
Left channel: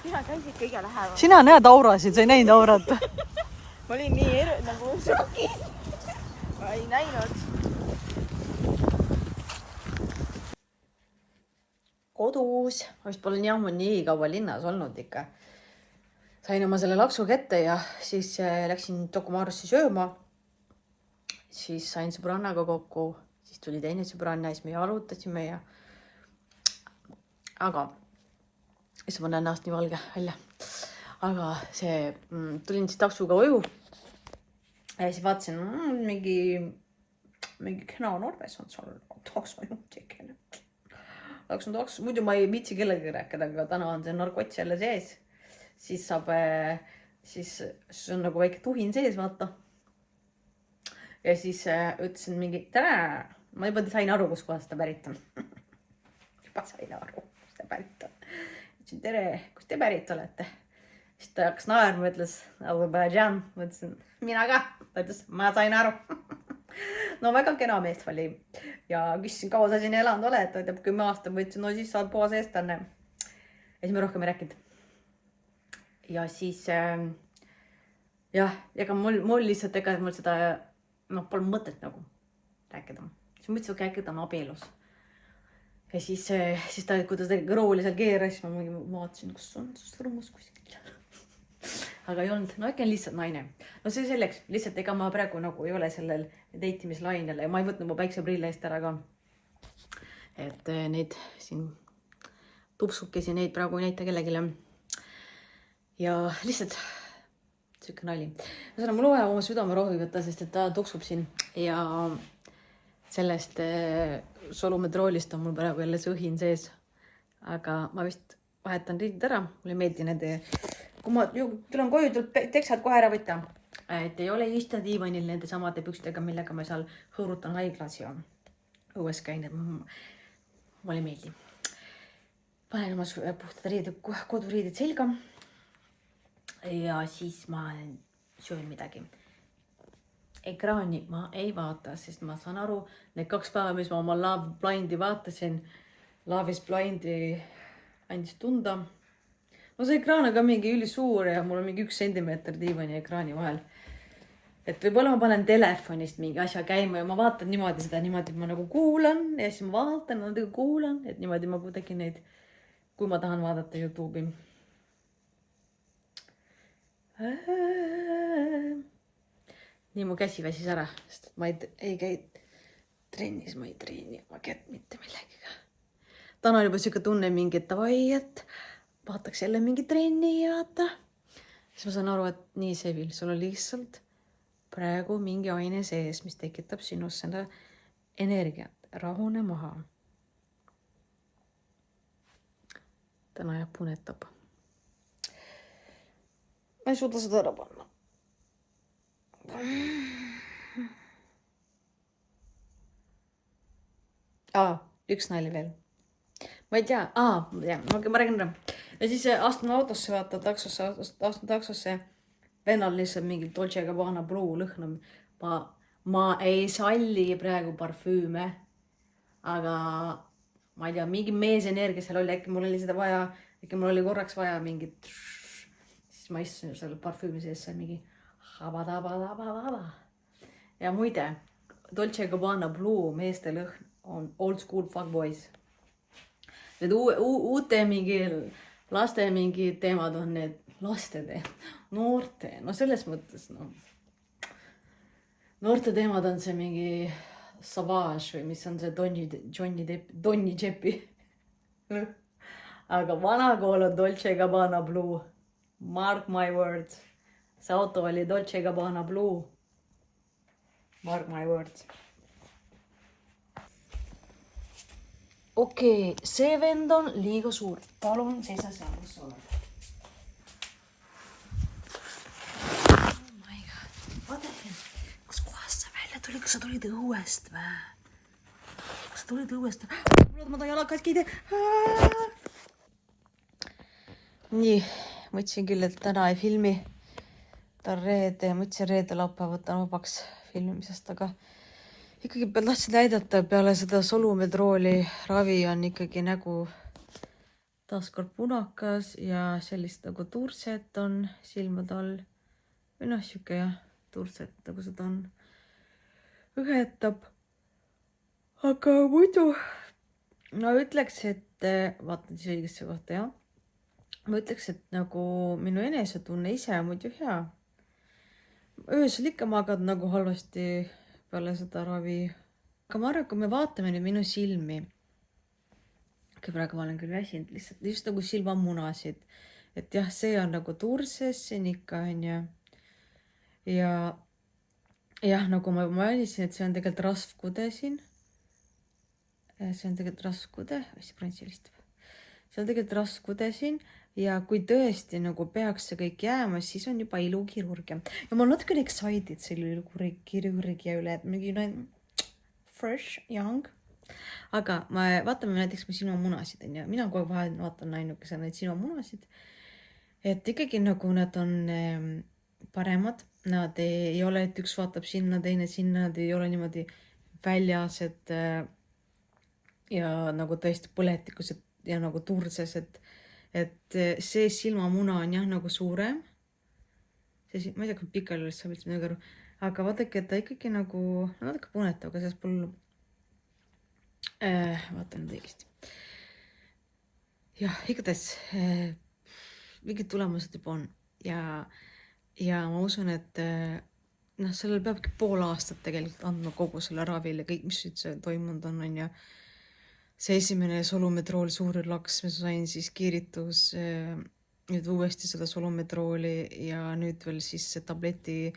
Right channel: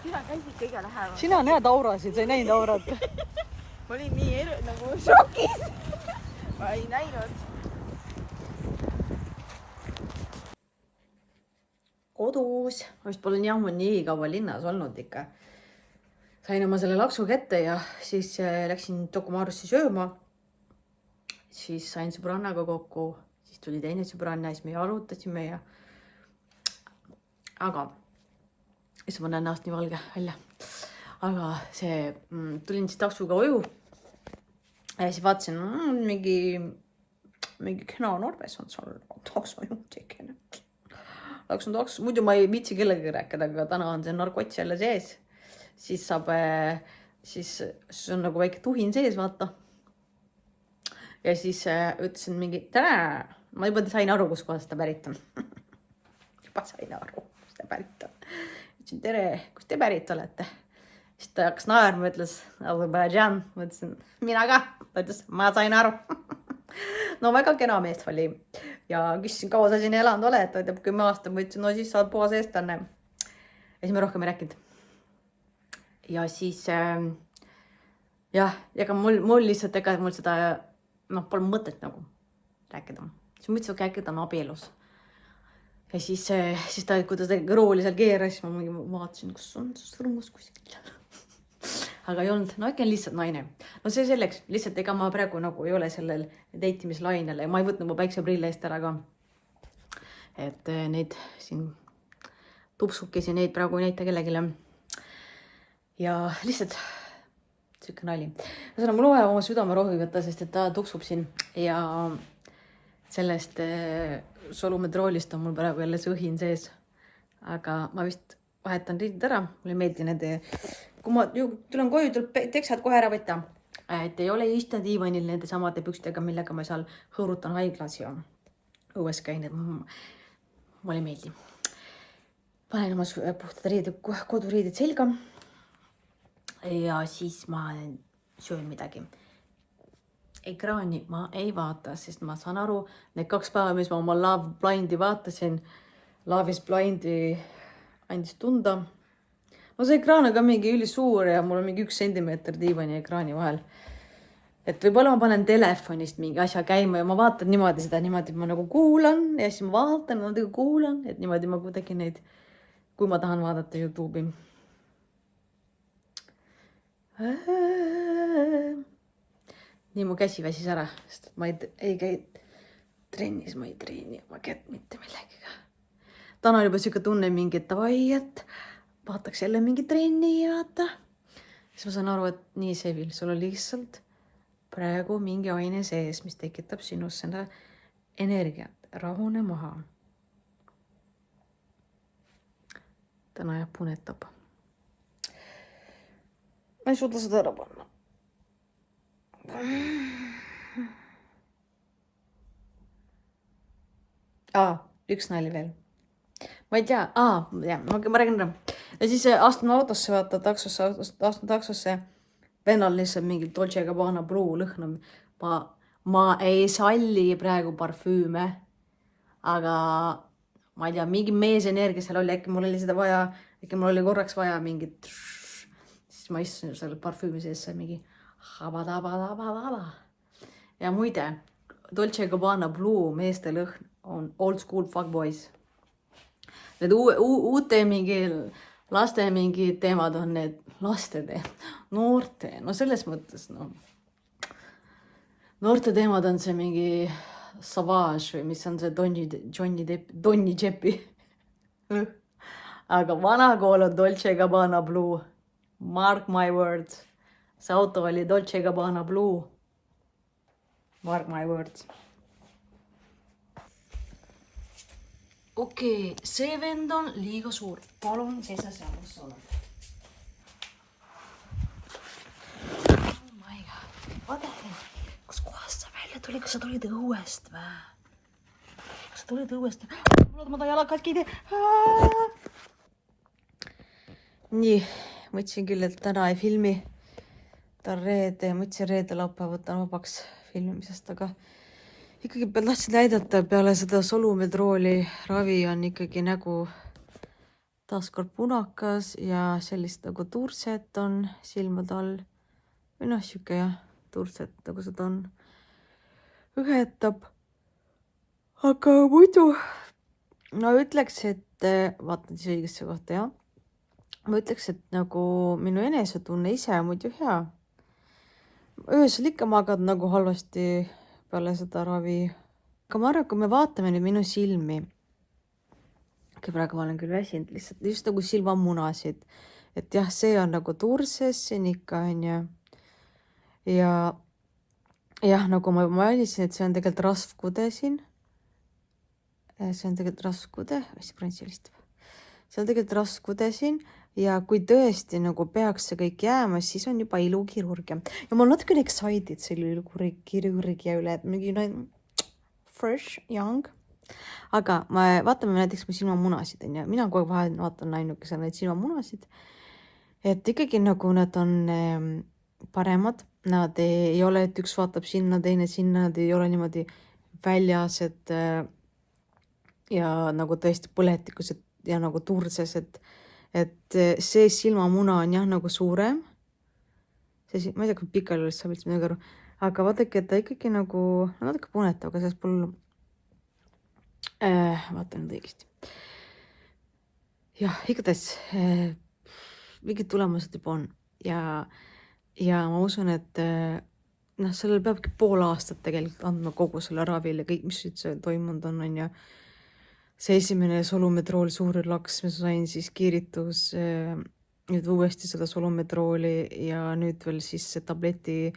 Sina käisid kõige lähemal. Sina näed aurasid, sa ei näinud aurat. Ma olin nii nagu šokis. Ma ei näinud. Kodus. Ma vist pole nii kaua linnas olnud ikka. Sain oma selle laksu kätte ja siis läksin Dokumarusse sööma. Siis sain sõbrannaga kokku. Siis tuli teine sõbranna ja siis me jalutasime ja... Aga... Issa ma näen näost nii valge välja. Aga see... Tulin siis taksuga koju. Ja siis vaatasin, mingi kena Norves on seal takso juhtikene. Takso. Muidu ma ei viitsi kellegi rääkida, aga täna on see narkots jälle sees. Siis saab... Siis on nagu väike tuhin sees, vaata. Ja siis ütlesin mingi, tere! Ma juba sain aru, kus kohast ta pärit on. Juba sain aru, kus ta pärit on. Ütlesin, tere, kus te pärit olete? Siis ta hakkas naerma, ütles, Azerbaijan. Ma ütlesin, mina ka. Ta ütles, ma sain aru. No väga kena mees oli. Ja küsisin, kaua sa siin elanud oled? Ta ütleb 10 aastat. Ma ütlesin, no siis saad puhas eestlane. Ja siis me rohkem ei rääkinud. Ja siis, jah, ega mul lihtsalt, ega mul seda, pole mõtet nagu rääkida. Siis ma ütlesin, et rääkida on abielus. Ja siis ta, kui ta rooli seal keeras, ma vaatasin, kus on sõrmus kuskil. Aga ei olnud, no äkki on lihtsalt naine. No see selleks, lihtsalt ega ma praegu nagu ei ole sellel deitimislainele ja ma ei võtnud mu päikseprille eest ära ka. Et neid siin tupsukesi, neid praegu ei näita kellegile. Ja lihtsalt siuke nali. Mul vaja oma südame rohi võtta, sest et ta tuksub siin ja sellest solumetroolist on mul praegu jälle see õhin sees. Aga ma vist vahetan riidid ära. Mulle ei meeldi nende, kui ma tulen koju, tuleb teksad kohe ära võtta. Et ei ole istunud diivanil nende samade pükstega, millega ma seal hõõrutan haiglas ja õues käin. Mulle ei meeldi. Panen oma puhtad riidid, koduriidid selga. Ja siis ma söön midagi. Ekraani ma ei vaata, sest ma saan aru, need 2 päeva, mis ma oma Love Blindi vaatasin, Love is Blindi andis tunda. No see ekraan on ka mingi ülisuur ja mul on mingi 1 sentimeeter diivani ekraani vahel. Et võib-olla ma panen telefonist mingi asja käima ja ma vaatan niimoodi seda, niimoodi ma nagu kuulan ja siis ma vaatan, natuke kuulan, et niimoodi ma kuidagi neid, kui ma tahan vaadata YouTube'i. Nii mu käsi väsis ära, sest ma ei käi trennis, ma ei treeni oma kätt mitte millegagi. Täna on juba siuke tunne mingi, et davai, et vaataks jälle mingi trenni ja vaata. Siis ma saan aru, et nii Sevil, sul on lihtsalt praegu mingi aine sees, mis tekitab sinust seda energiat. Rahune maha. Täna jääb punetab. Ma ei suuda seda ära panna. Üks nali veel. Ma ei tea. Ma räägin ära. Ja siis astun autosse, vaata taksosse. Vennal lihtsalt mingi Dolce Gabbana Blue lõhnam. Ma ei salli praegu parfüüme. Aga ma ei tea, mingi meesenergia seal oli. Äkki mul oli seda vaja. Äkki mul oli korraks vaja mingit. Siis ma istusin selle parfüümi sees seal mingi. ja muide, Dolce & Gabbana Blue meeste lõhn on old school fuckboys. Need uute mingi laste mingi teemad on need laste noorte, no selles mõttes, no. Noorte teemad on see mingi Savage või mis on see Donni Jeppi. Aga vana kool on Dolce & Gabbana Blue. Mark my words. See auto oli Dolce & Gabbana Blue. Mark my words. Okei, see vend on liiga suur. Palun seisa seal, kus sa oled. Oh my god. Vaata, kus kohast sa välja tuli? Kas sa tulid õuest või? Kas sa tulid õuest? Ma ta jalakatki ei tee. Nii, mõtlesin küll, et täna ei filmi. Ta on reede, mõtlesin reede laupäev võtan vabaks filmimisest, aga ikkagi tahtsin näidata, peale seda solumetrooli ravi on ikkagi nägu taaskord punakas ja sellist nagu turset on silmade all. Või noh, siuke jah, turset nagu seda on. Ühetab. Aga muidu ma ütleks, et vaatan siis õigesse kohta, jah. Ma ütleks, et nagu minu enesetunne ise on muidu hea. Öösel ikka magad nagu halvasti peale seda ravi. Aga ma arvan, kui me vaatame nüüd minu silmi. Praegu ma olen küll väsinud, lihtsalt just nagu silmamunasid. Et jah, see on nagu turses siin ikka, on ju. Ja jah, nagu ma mainisin, et see on tegelikult rasvkude siin. See on tegelikult rasvkude. See on tegelikult rasvkude siin. Ja kui tõesti nagu peaks see kõik jääma, siis on juba ilukirurgia. Ja ma olen natukene excited selle ilukirurgia üle, et mingi fresh, young. Aga vaatame näiteks mu silmamunasid. Mina kogu vahel vaatan ainukese neid silmamunasid. Et ikkagi nagu nad on paremad. Nad ei ole, et üks vaatab sinna, teine sinna. Nad ei ole niimoodi väljas, et ja nagu tõesti põletikus ja nagu turses, et see silmamuna on jah nagu suurem. Ma ei tea, kui pikal üles saab üldse midagi aru. Aga vaadake, et ta ikkagi nagu natuke punetav, aga selles pole vaatan nüüd õigesti. Jah, igatahes mingid tulemused juba on. Ja ma usun, et sellel peabki pool aastat tegelikult andma kogu selle ravile, kõik, mis üldse toimunud on ja see esimene solumetrool suur laks, ma sain siis kiiritus nüüd uuesti seda solumetrooli ja nüüd veel siis see tableti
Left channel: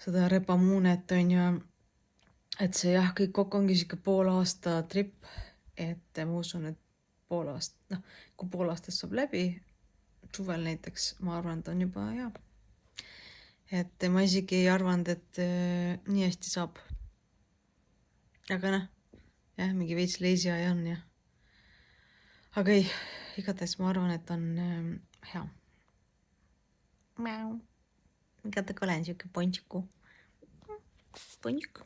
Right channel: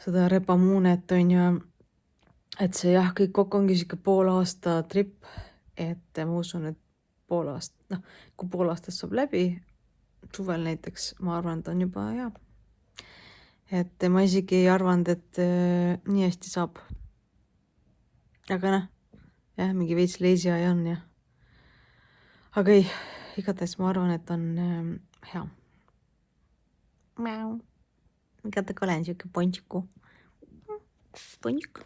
seda repamuunet on ja et see jah, kõik kokku ongi siuke pool aasta trip, et ma usun, et pool aasta, kui pool aastast saab läbi, suvel näiteks, ma arvan, et on juba hea. Et ma isegi ei arvanud, et nii hästi saab. Aga jah, mingi veits leisi aja on ja. Aga ei, igatahes ma arvan, et on hea. Miau. Igatahes olen siuke pontsiku. Pontsik.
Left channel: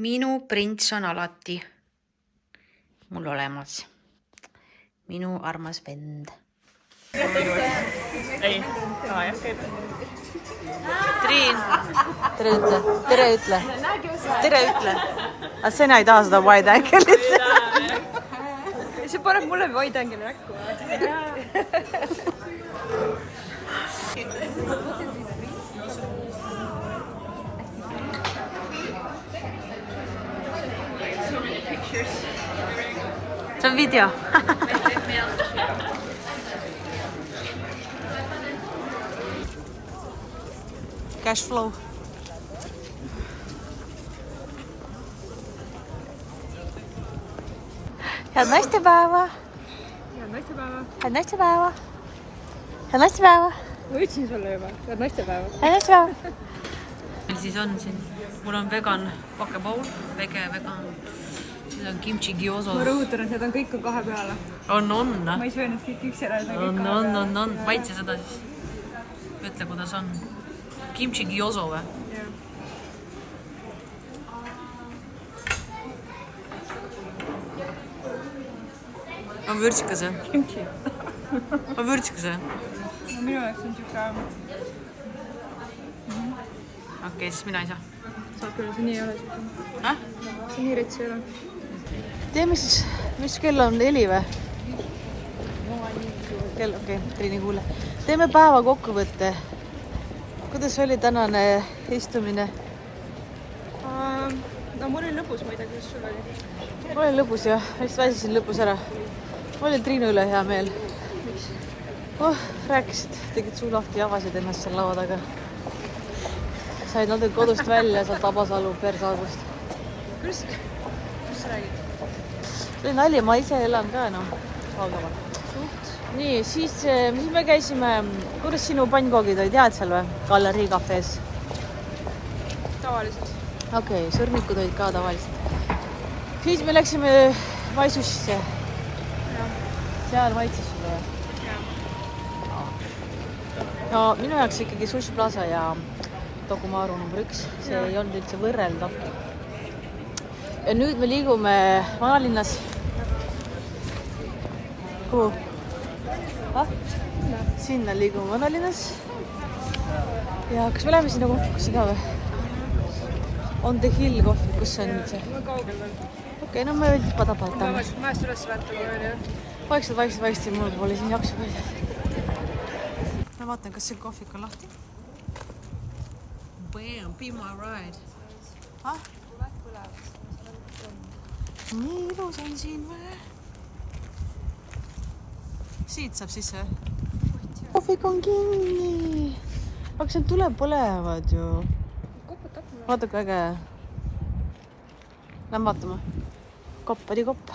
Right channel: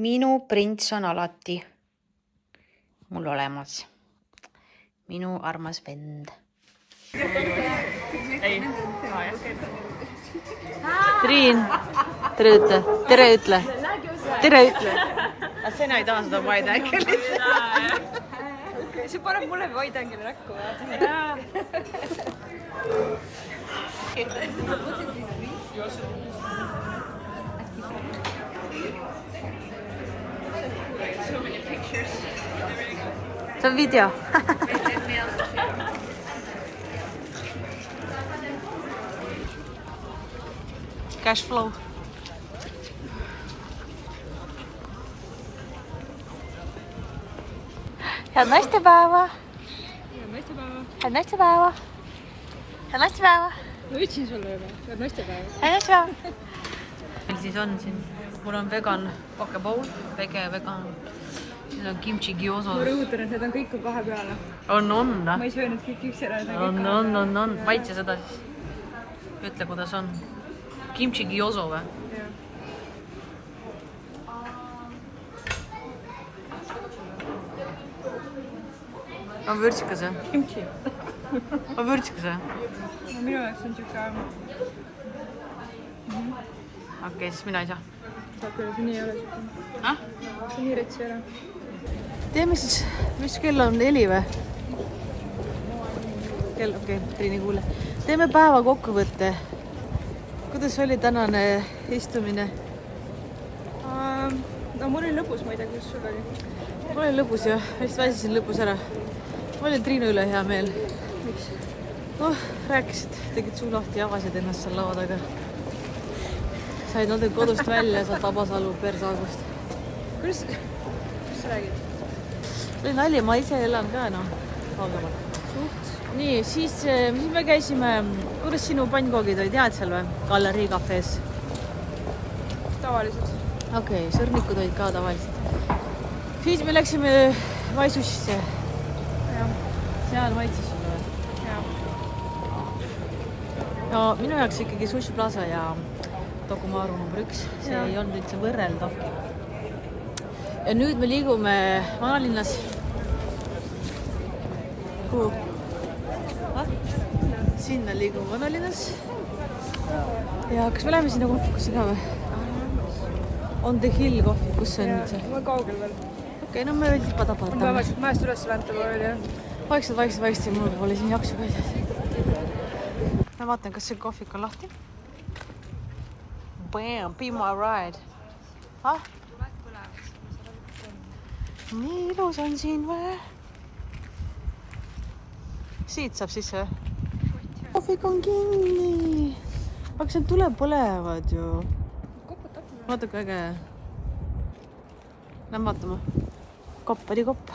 Minu prints on alati mul olemas. Minu armas vend. Triin, tere ütle. Aga sina ei taha seda wide angle'it. See paneb mulle wide angle'i näkku. See on video. Cash flow. Head naistepäeva. Head naistepäeva. Head naistepäeva. Head naistepäeva. Ma ütlesin sulle juba. Head naistepäeva. Head naistepäeva. Meil siis on siin, mul on vegan pokepowl, vegan. Siin on kimchi gyozo. Ma rõhutan, et need on kõik kahe peale. On. Ma ei söö need kõik üks ära. On. Maitse seda siis. Ütle, kuidas on. Kimchi gyozo või? Jah. On vürtsikas või? Kimchi. on vürtsikas või? no minu jaoks on siuke... Okei, siis mina ei saa. Saab küll, see nii ei ole siuke. See nii rets ei ole. Teeme siis, mis kell on 4 või? Kell, okei, Triin ei kuule. Teeme päeva kokkuvõtte. Kuidas oli tänane istumine? No mul oli lõbus, ma ei tea, kuidas sul oli. Mul oli lõbus ja vist väsisin lõpus ära. Mul oli Triinu üle hea meel. Rääkisid, tegid suu lahti ja avasid ennast seal laua taga. Said natuke kodust välja, sealt Tabasalu persaagust. Kuidas sa räägid? Oli nali, ma ise elan ka, kaugemal. Nii, siis me käisime, kuidas sinu pannkoogid olid head seal või? Galerii kafees? Tavaliselt. Okei, sõrnikud olid ka tavaliselt. Siis me läksime Vaisussisse. Seal maitses sulle või? Ja minu jaoks ikkagi Sushi Plaza ja Tokumaru number 1. See ei olnud üldse võrreldavki. Ja nüüd me liigume vanalinnas. Kuhu? Sinna liigume vanalinnas. Ja kas me läheme sinna kohvikusse ka või? On the Hill kohvik, kus see on nüüd see? Ma kaugel veel. Okei, no me veel tipa-tapatame. Majast üles vantama oli jah. Vaikselt, mul pole siin jaksu ka. Ma vaatan, kas see kohvik on lahti. Bam, be my ride. Nii ilus on siin või? Siit saab sisse või? Kohvik on kinni. Aga seal tuleb põlevad ju. Vaata kui äge. Lähme vaatama. Kopp oli kopp.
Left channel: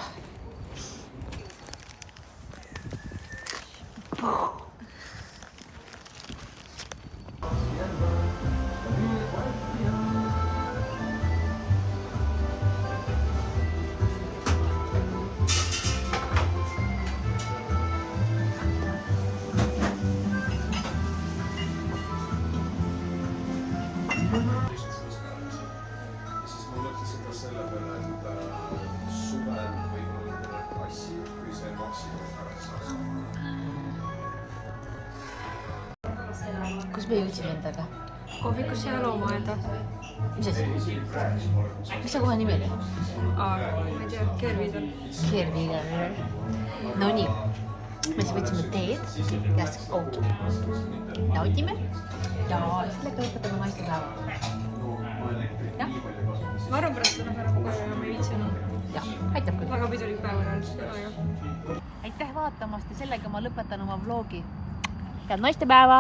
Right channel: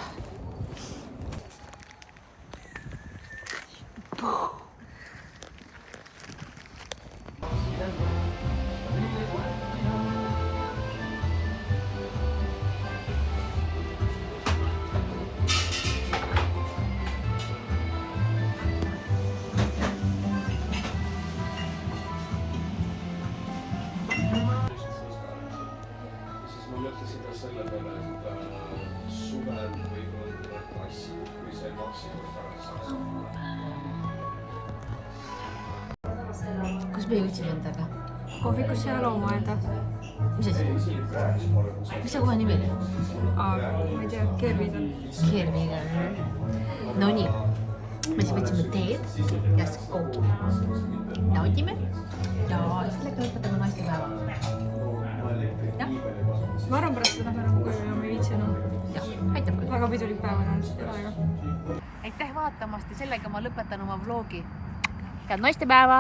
Kus me jõudsime endaga? Kohvikusse ja loomaeda. Mis asi? Mis see kohe nimi oli? Ma ei tea, Kervigan. Kervigan. No nii. Me siis võtsime teed ja kooki. Naudime ja sellega lõpetame naistepäeva. Jah? Ma arvan pärast seda lähme ära koju ja ma ei viitsi enam. Jah, aitab küll. Väga pidulik päev on olnud. Aitäh vaatamast ja sellega ma lõpetan oma vlogi. Head naistepäeva!